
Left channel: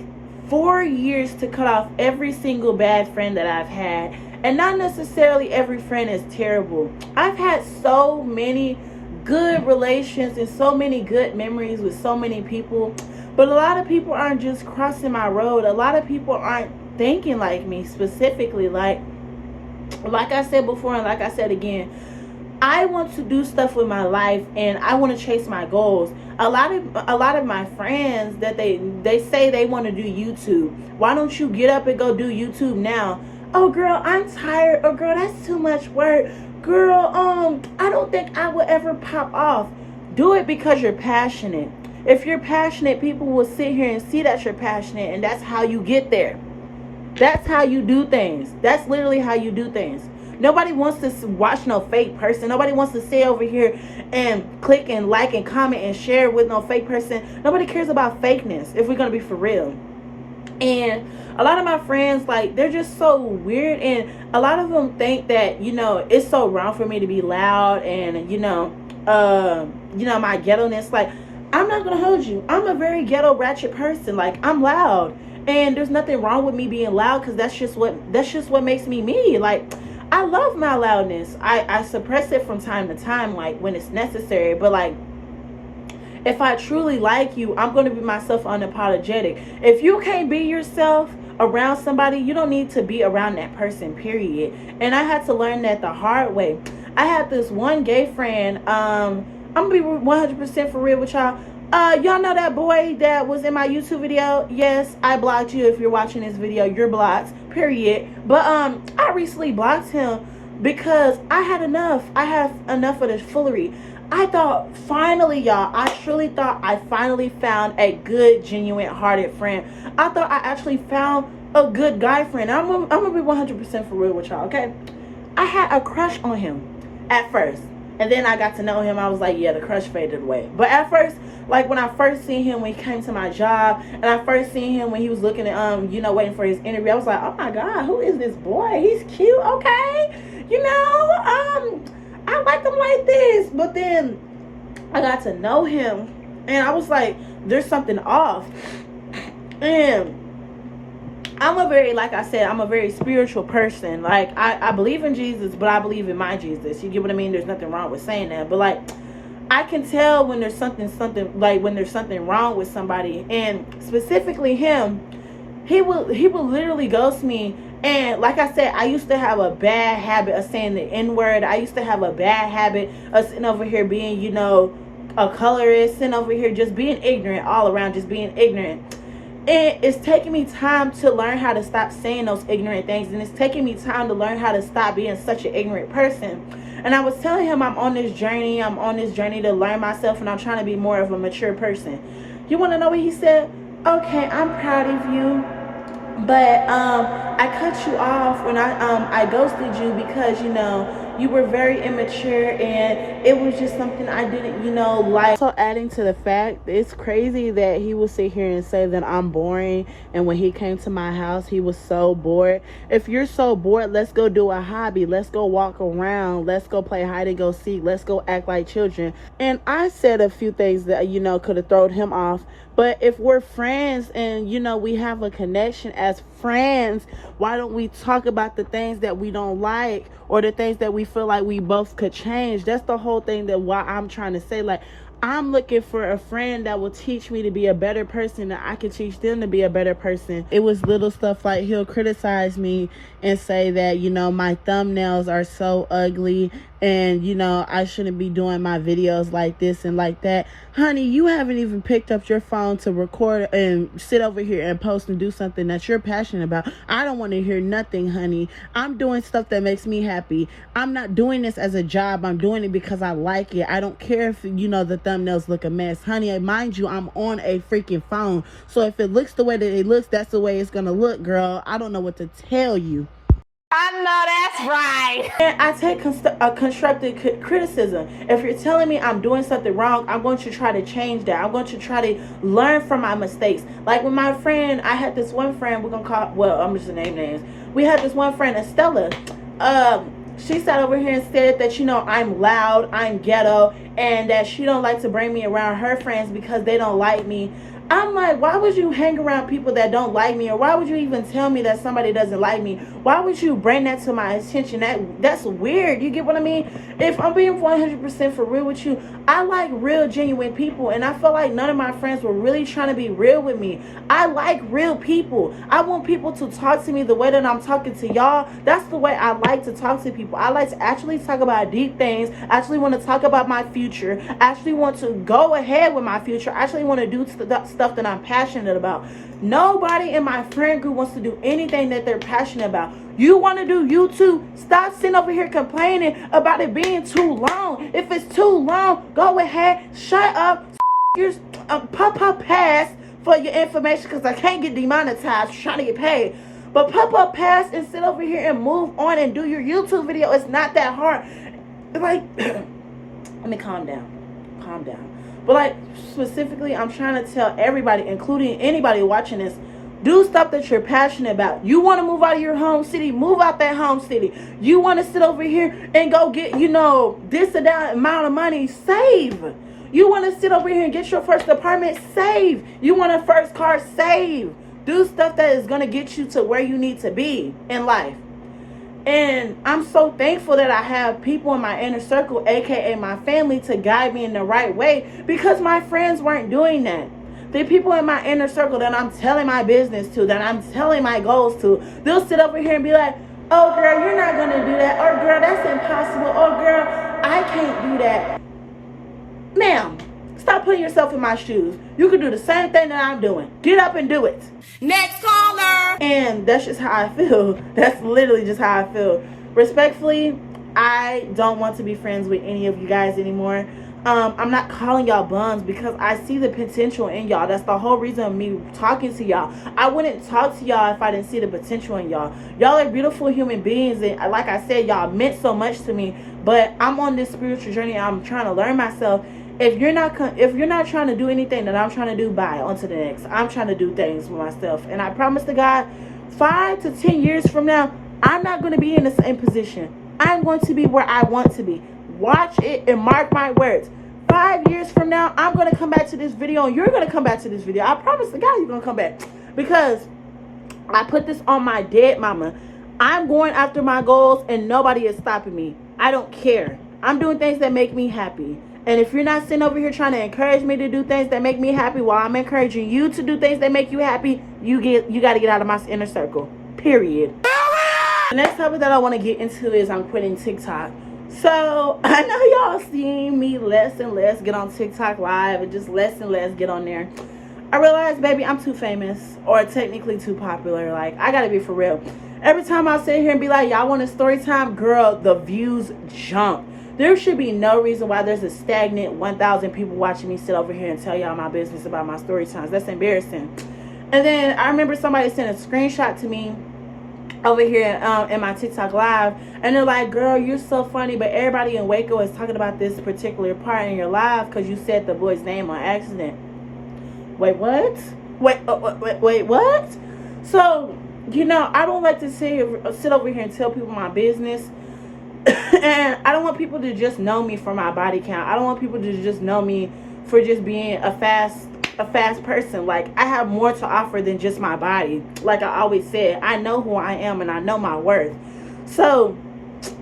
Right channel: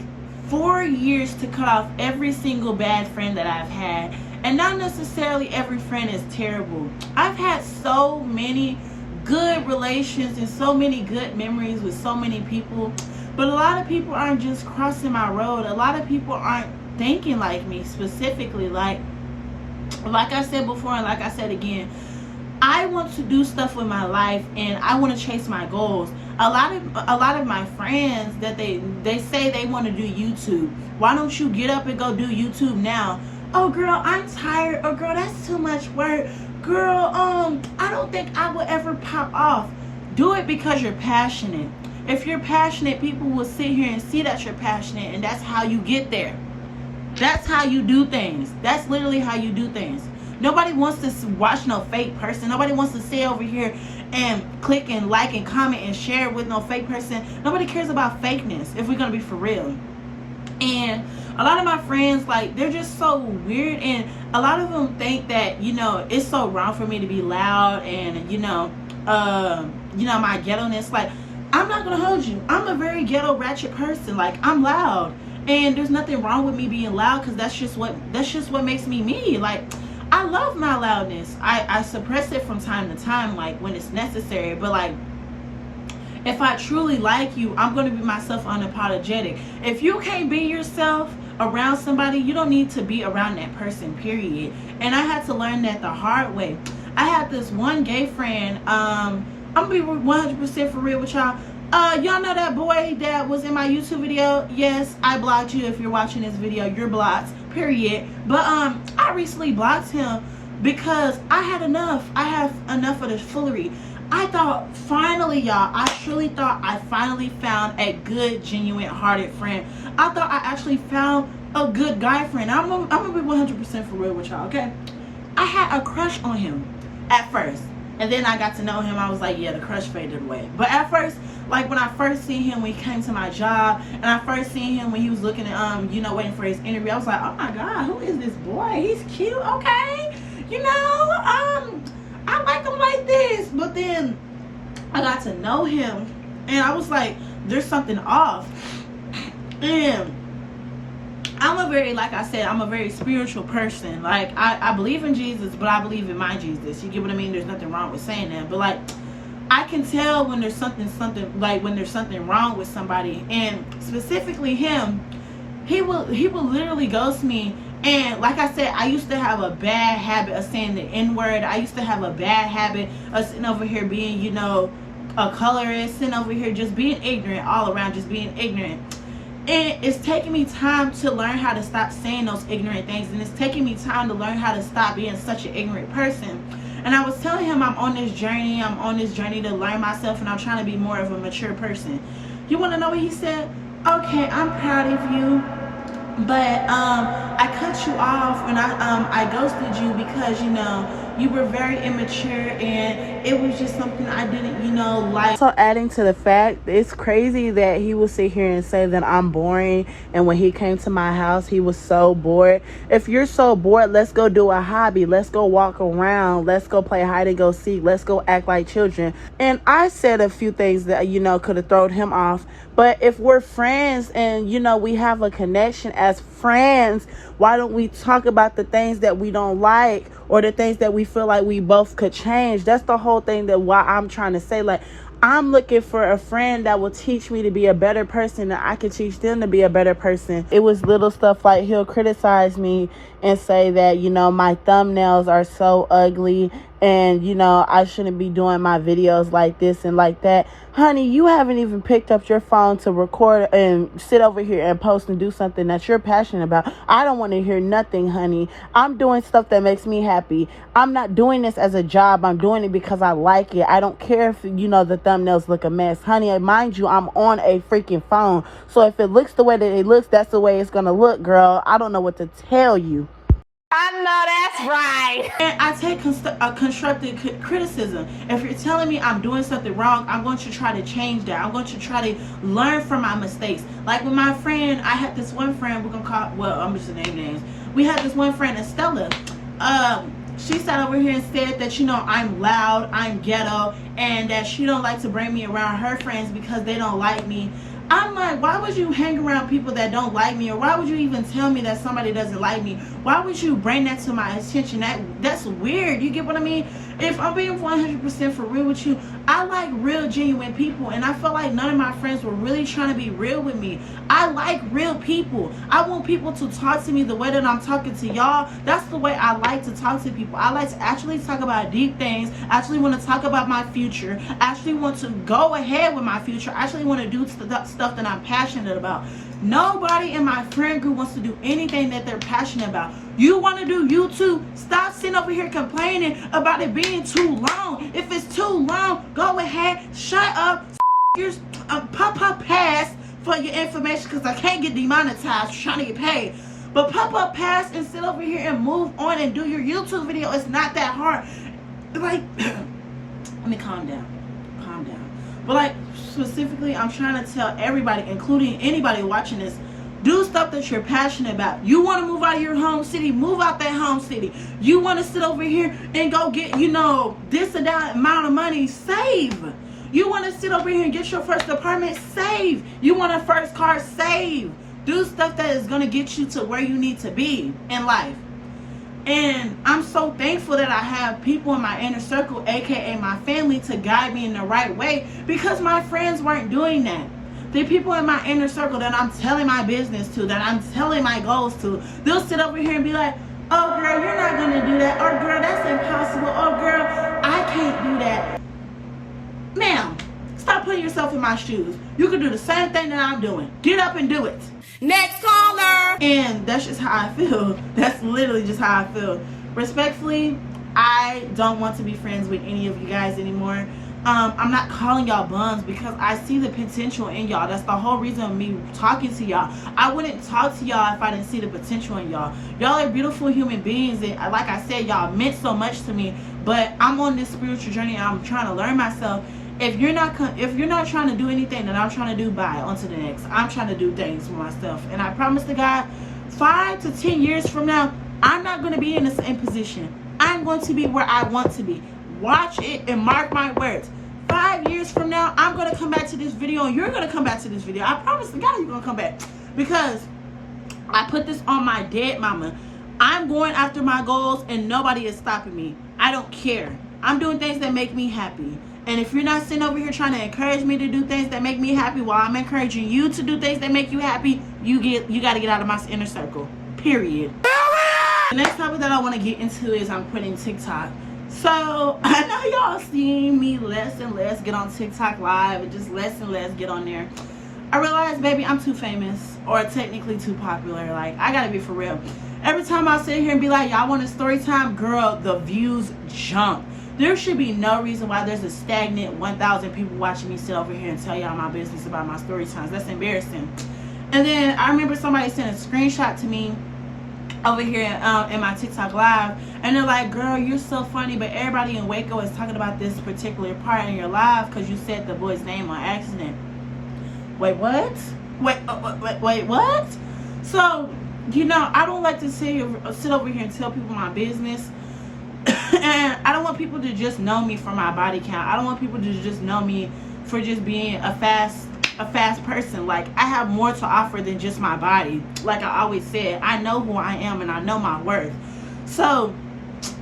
4 years to cut off every single bad friend that I've had. And not necessarily every friend is terrible. I've had so many good relations and so many good memories with so many people. But a lot of people aren't just crossing my road. A lot of people aren't thinking like me specifically. Like I said before, and like I said again, I want to do stuff with my life, and I want to chase my goals. A lot of my friends that they say they want to do YouTube. Why don't you get up and go do YouTube now? Oh, girl, I'm tired. Oh, girl, that's too much work. Girl, I don't think I will ever pop off. Do it because you're passionate. If you're passionate, people will sit here and see that you're passionate, and that's how you get there. That's how you do things. That's literally how you do things. Nobody wants to watch no fake person. Nobody wants to sit over here and click and like and comment and share with no fake person. Nobody cares about fakeness, if we're going to be for real. And a lot of my friends, like, they're just so weird. And a lot of them think that, it's so wrong for me to be loud and, my ghetto-ness. Like, I'm not going to hold you. I'm a very ghetto ratchet person. Like, I'm loud. And there's nothing wrong with me being loud, because that's just what makes me me. Like, I love my loudness. I suppress it from time to time, like, when it's necessary. But, like, if I truly like you, I'm going to be myself unapologetic. If you can't be yourself around somebody, you don't need to be around that person, period. And I had to learn that the hard way. I had this one gay friend. I'm going to be 100% for real with y'all. Y'all know that boy that was in my YouTube video? Yes, I blocked you. If you're watching this video, you're blocked, period. But I recently blocked him because I had enough. I have enough of this foolery. I thought finally, y'all, I truly thought I finally found a good, genuine hearted friend. I thought I actually found a good guy friend. I'm gonna be 100% for real with y'all, okay? I had a crush on him at first. And then I got to know him. I was like, yeah, the crush faded away. But at first, like, when I first seen him when he came to my job, and I first seen him when he was looking at, waiting for his interview, I was like, oh my God, who is this boy? He's cute, okay? I like him like this. But then I got to know him, and I was like, there's something off. And I'm a very, like I said, I'm a very spiritual person. Like, I believe in Jesus, but I believe in my Jesus. You get what I mean? There's nothing wrong with saying that. But like, I can tell when there's something like when there's something wrong with somebody, and specifically him. He will literally ghost me. And like I said, I used to have a bad habit of saying the N-word. I used to have a bad habit of sitting over here being, you know, a colorist, sitting over here just being ignorant all around, just being ignorant. And it's taking me time to learn how to stop saying those ignorant things. And it's taking me time to learn how to stop being such an ignorant person. And I was telling him I'm on this journey. I'm on this journey to learn myself, and I'm trying to be more of a mature person. You want to know what he said? Okay, I'm proud of you, but I cut you off and I ghosted you because, you know, you were very immature and it was just something I didn't, you know, like. So adding to the fact, it's crazy that he would sit here and say that I'm boring, and when he came to my house he was so bored. If you're so bored, let's go do a hobby, let's go walk around, let's go play hide and go seek, let's go act like children. And I said a few things that, you know, could have thrown him off. But if we're friends and, you know, we have a connection as friends, why don't we talk about the things that we don't like or the things that we feel like we both could change? That's the whole thing that why I'm trying to say, like, I'm looking for a friend that will teach me to be a better person, that I can teach them to be a better person. It was little stuff like he'll criticize me and say that, you know, my thumbnails are so ugly and, you know, I shouldn't be doing my videos like this and like that. Honey, you haven't even picked up your phone to record and sit over here and post and do something that you're passionate about. I don't want to hear nothing, honey. I'm doing stuff that makes me happy. I'm not doing this as a job. I'm doing it because I like it. I don't care if, you know, the thumbnails look a mess. Honey, mind you, I'm on a freaking phone. So if it looks the way that it looks, that's the way it's going to look, girl. I don't know what to tell you. I know that's right. And I take constructive criticism. If you're telling me I'm doing something wrong, I'm going to try to change that. I'm going to try to learn from my mistakes. Like with my friend, I had this one friend, we're going to call, well, I'm just going to name names. We had this one friend, Estella. She sat over here and said that, you know, I'm loud, I'm ghetto, and that she don't like to bring me around her friends because they don't like me. I'm like, why would you hang around people that don't like me? Or why would you even tell me that somebody doesn't like me? Why would you bring that to my attention? That's weird. You get what I mean? If I'm being 100% for real with you, I like real, genuine people. And I felt like none of my friends were really trying to be real with me. I like real people. I want people to talk to me the way that I'm talking to y'all. That's the way I like to talk to people. I like to actually talk about deep things. I actually want to talk about my future. I actually want to go ahead with my future. I actually want to do stuff that I'm passionate about. Nobody in my friend group wants to do anything that they're passionate about. You want to do YouTube? Stop sitting over here complaining about it being too long. If it's too long, go ahead, shut up, your pop pass for your information, because I can't get demonetized trying to get paid. But pop up pass and sit over here and move on and do your YouTube video. It's not that hard. Like, let me calm down. But like, specifically, I'm trying to tell everybody, including anybody watching this, do stuff that you're passionate about. You want to move out of your home city, move out that home city. You want to sit over here and go get, you know, this or that amount of money, save. You want to sit over here and get your first apartment, save. You want a first car, save. Do stuff that is going to get you to where you need to be in life. And I'm so thankful that I have people in my inner circle, aka my family, to guide me in the right way, because my friends weren't doing that. The people in my inner circle that I'm telling my business to, that I'm telling my goals to, they'll sit over here and be like, oh girl, you're not gonna do that, or girl, that's impossible, or girl, I can't do that. Ma'am, stop putting yourself in my shoes. You can do the same thing that I'm doing. Get up and do it. Next caller. And that's just how I feel. That's literally just how I feel. Respectfully, I don't want to be friends with any of you guys anymore. I'm not calling y'all bums because I see the potential in y'all. That's the whole reason of me talking to y'all. I wouldn't talk to y'all if I didn't see the potential in y'all. Y'all are beautiful human beings, and like I said, y'all meant so much to me. But I'm on this spiritual journey. I'm trying to learn myself. If you're not trying to do anything that I'm trying to do, bye, on to the next. I'm trying to do things for myself, and I promise to God, 5 to 10 years from now, I'm not going to be in the same position. I'm going to be where I want to be. Watch it and mark my words. 5 years from now, I'm going to come back to this video, and you're going to come back to this video. I promise to God, you're going to come back. because I put this on my dead mama. I'm going after my goals and nobody is stopping me. I don't care. I'm doing things that make me happy. And if you're not sitting over here trying to encourage me to do things that make me happy while I'm encouraging you to do things that make you happy, you got to get out of my inner circle. Period. The next topic that I want to get into is I'm quitting TikTok. So I know y'all seen me less and less get on TikTok live and just less and less get on there. I realized, baby, I'm too famous, or technically too popular. Like, I gotta be for real. Every time I sit here and be like, y'all want a story time? Girl, the views jump. There should be no reason why there's a stagnant 1,000 people watching me sit over here and tell y'all my business about my story times. That's embarrassing. And then I remember somebody sent a screenshot to me over here in my TikTok live, and they're like, girl, you're so funny, but everybody in Waco is talking about this particular part in your live because you said the boy's name on accident. Wait, what? Wait, what? So, you know, I don't like to sit over here and tell people my business. And I don't want people to just know me for my body count. I don't want people to just know me for just being a fast person. Like, I have more to offer than just my body. Like I always said, I know who I am and I know my worth. So,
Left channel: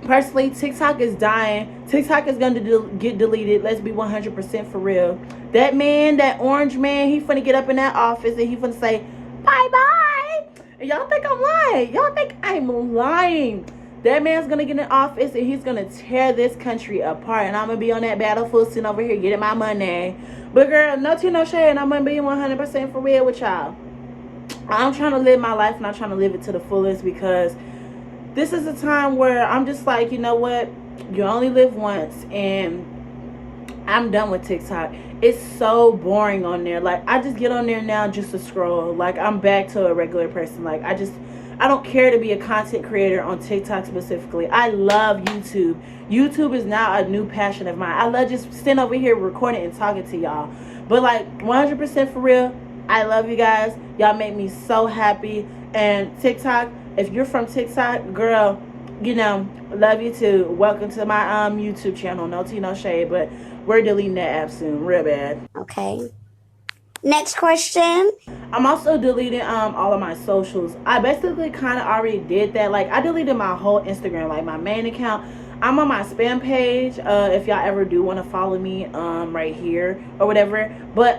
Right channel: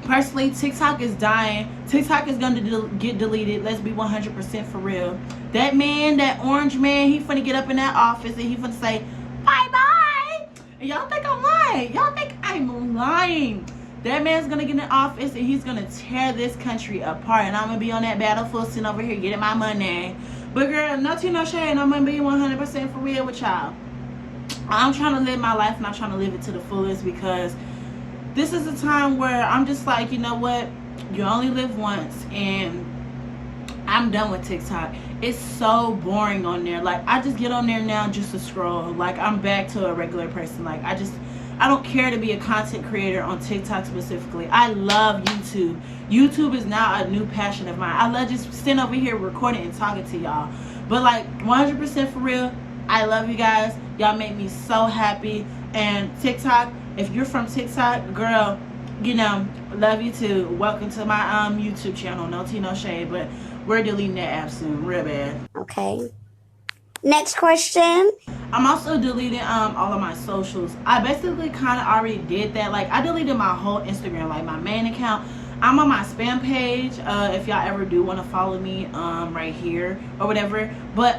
personally, TikTok is dying. TikTok is going to get deleted. Let's be 100% for real. That man, that orange man, he finna get up in that office and he finna say, bye-bye. And y'all think I'm lying. Y'all think I'm lying. That man's gonna get in office and he's gonna tear this country apart. And I'm gonna be on that battlefield sitting over here getting my money. But girl, no tea, no shade. And I'm gonna be 100% for real with y'all. I'm trying to live my life and I'm trying to live it to the fullest, because this is a time where I'm just like, you know what? You only live once, and I'm done with TikTok. It's so boring on there. Like, I just get on there now just to scroll. Like, I'm back to a regular person. Like, I don't care to be a content creator on TikTok specifically. I love YouTube. YouTube is now a new passion of mine. I love just sitting over here recording and talking to y'all. But like, 100% for real, I love you guys. Y'all make me so happy. And TikTok, if you're from TikTok, girl, you know, love you too. Welcome to my YouTube channel. No tea, no shade, but we're deleting that app soon, real bad. Okay. Next question. I'm also deleting all of my socials. I basically kind of already did that. Like, I deleted my whole Instagram, like my main account. I'm on my spam page. If y'all ever do want to follow me, right here or whatever. But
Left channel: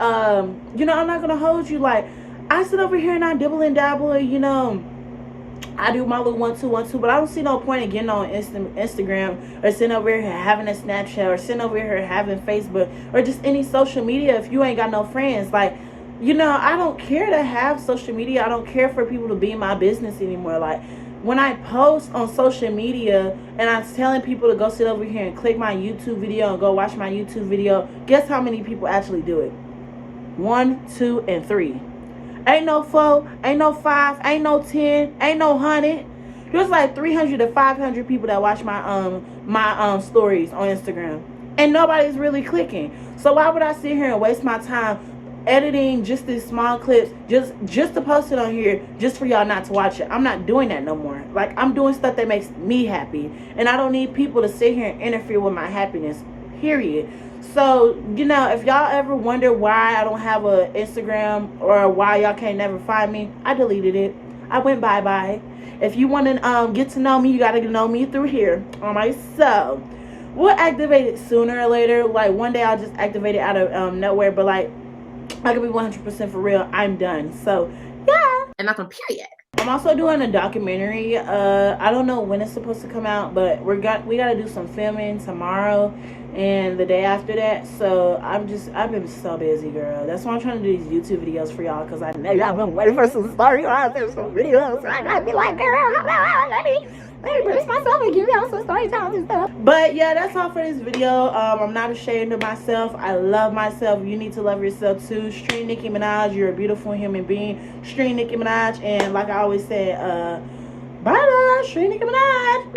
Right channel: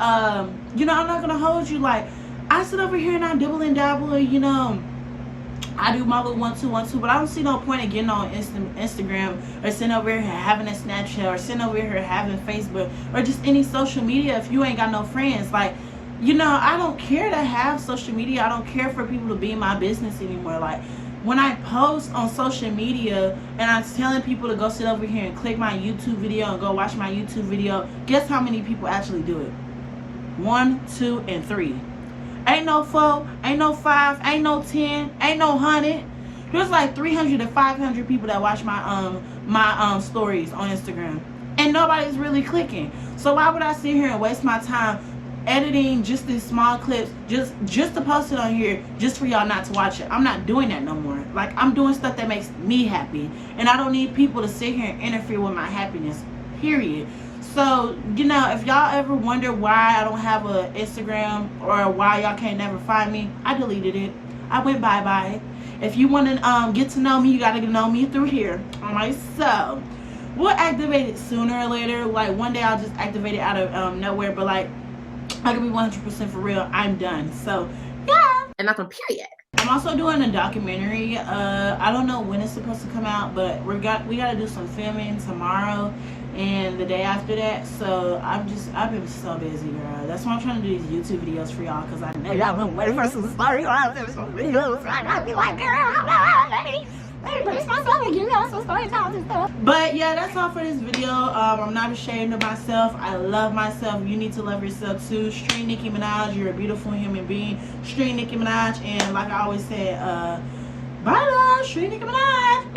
you know, I'm not gonna hold you. Like, I sit over here and I dibble and dabble, and you know, I do my little 1-2-1-2, but I don't see no point in getting on Instagram or sitting over here having a Snapchat or sitting over here having Facebook or just any social media if you ain't got no friends. Like, you know, I don't care to have social media. I don't care for people to be in my business anymore. Like, when I post on social media and I'm telling people to go sit over here and click my YouTube video and go watch my YouTube video, guess how many people actually do it? 1, 2, and 3. Ain't no 4, ain't no 5, ain't no 10, ain't no 100. There's like 300 to 500 people that watch my stories on Instagram, and nobody's really clicking. So why would I sit here and waste my time editing just these small clips just to post it on here just for y'all not to watch it? I'm not doing that no more. Like, I'm doing stuff that makes me happy, and I don't need people to sit here and interfere with my happiness, period. So, you know, if y'all ever wonder why I don't have a Instagram or why y'all can't never find me, I deleted it. I went bye-bye. If you want to get to know me, you got to know me through here. Alright, so we'll activate it sooner or later. Like, one day I'll just activate it out of nowhere. But, like, I can be 100% for real. I'm done. So, yeah. And nothing, period. I'm also doing a documentary. I don't know when it's supposed to come out, but we got to do some filming tomorrow and the day after that. So I've been so busy, girl. That's why I'm trying to do these YouTube videos for y'all, because I know y'all been waiting for some storylines, some videos. I gotta be like, girl, let me produce myself and give y'all some story times and stuff. But yeah, that's all for this video. I'm not ashamed of myself. I love myself. You need to love yourself too. Stream Nicki Minaj. You're a beautiful human being. Stream Nicki Minaj. And like I always say, bye, stream Nicki Minaj.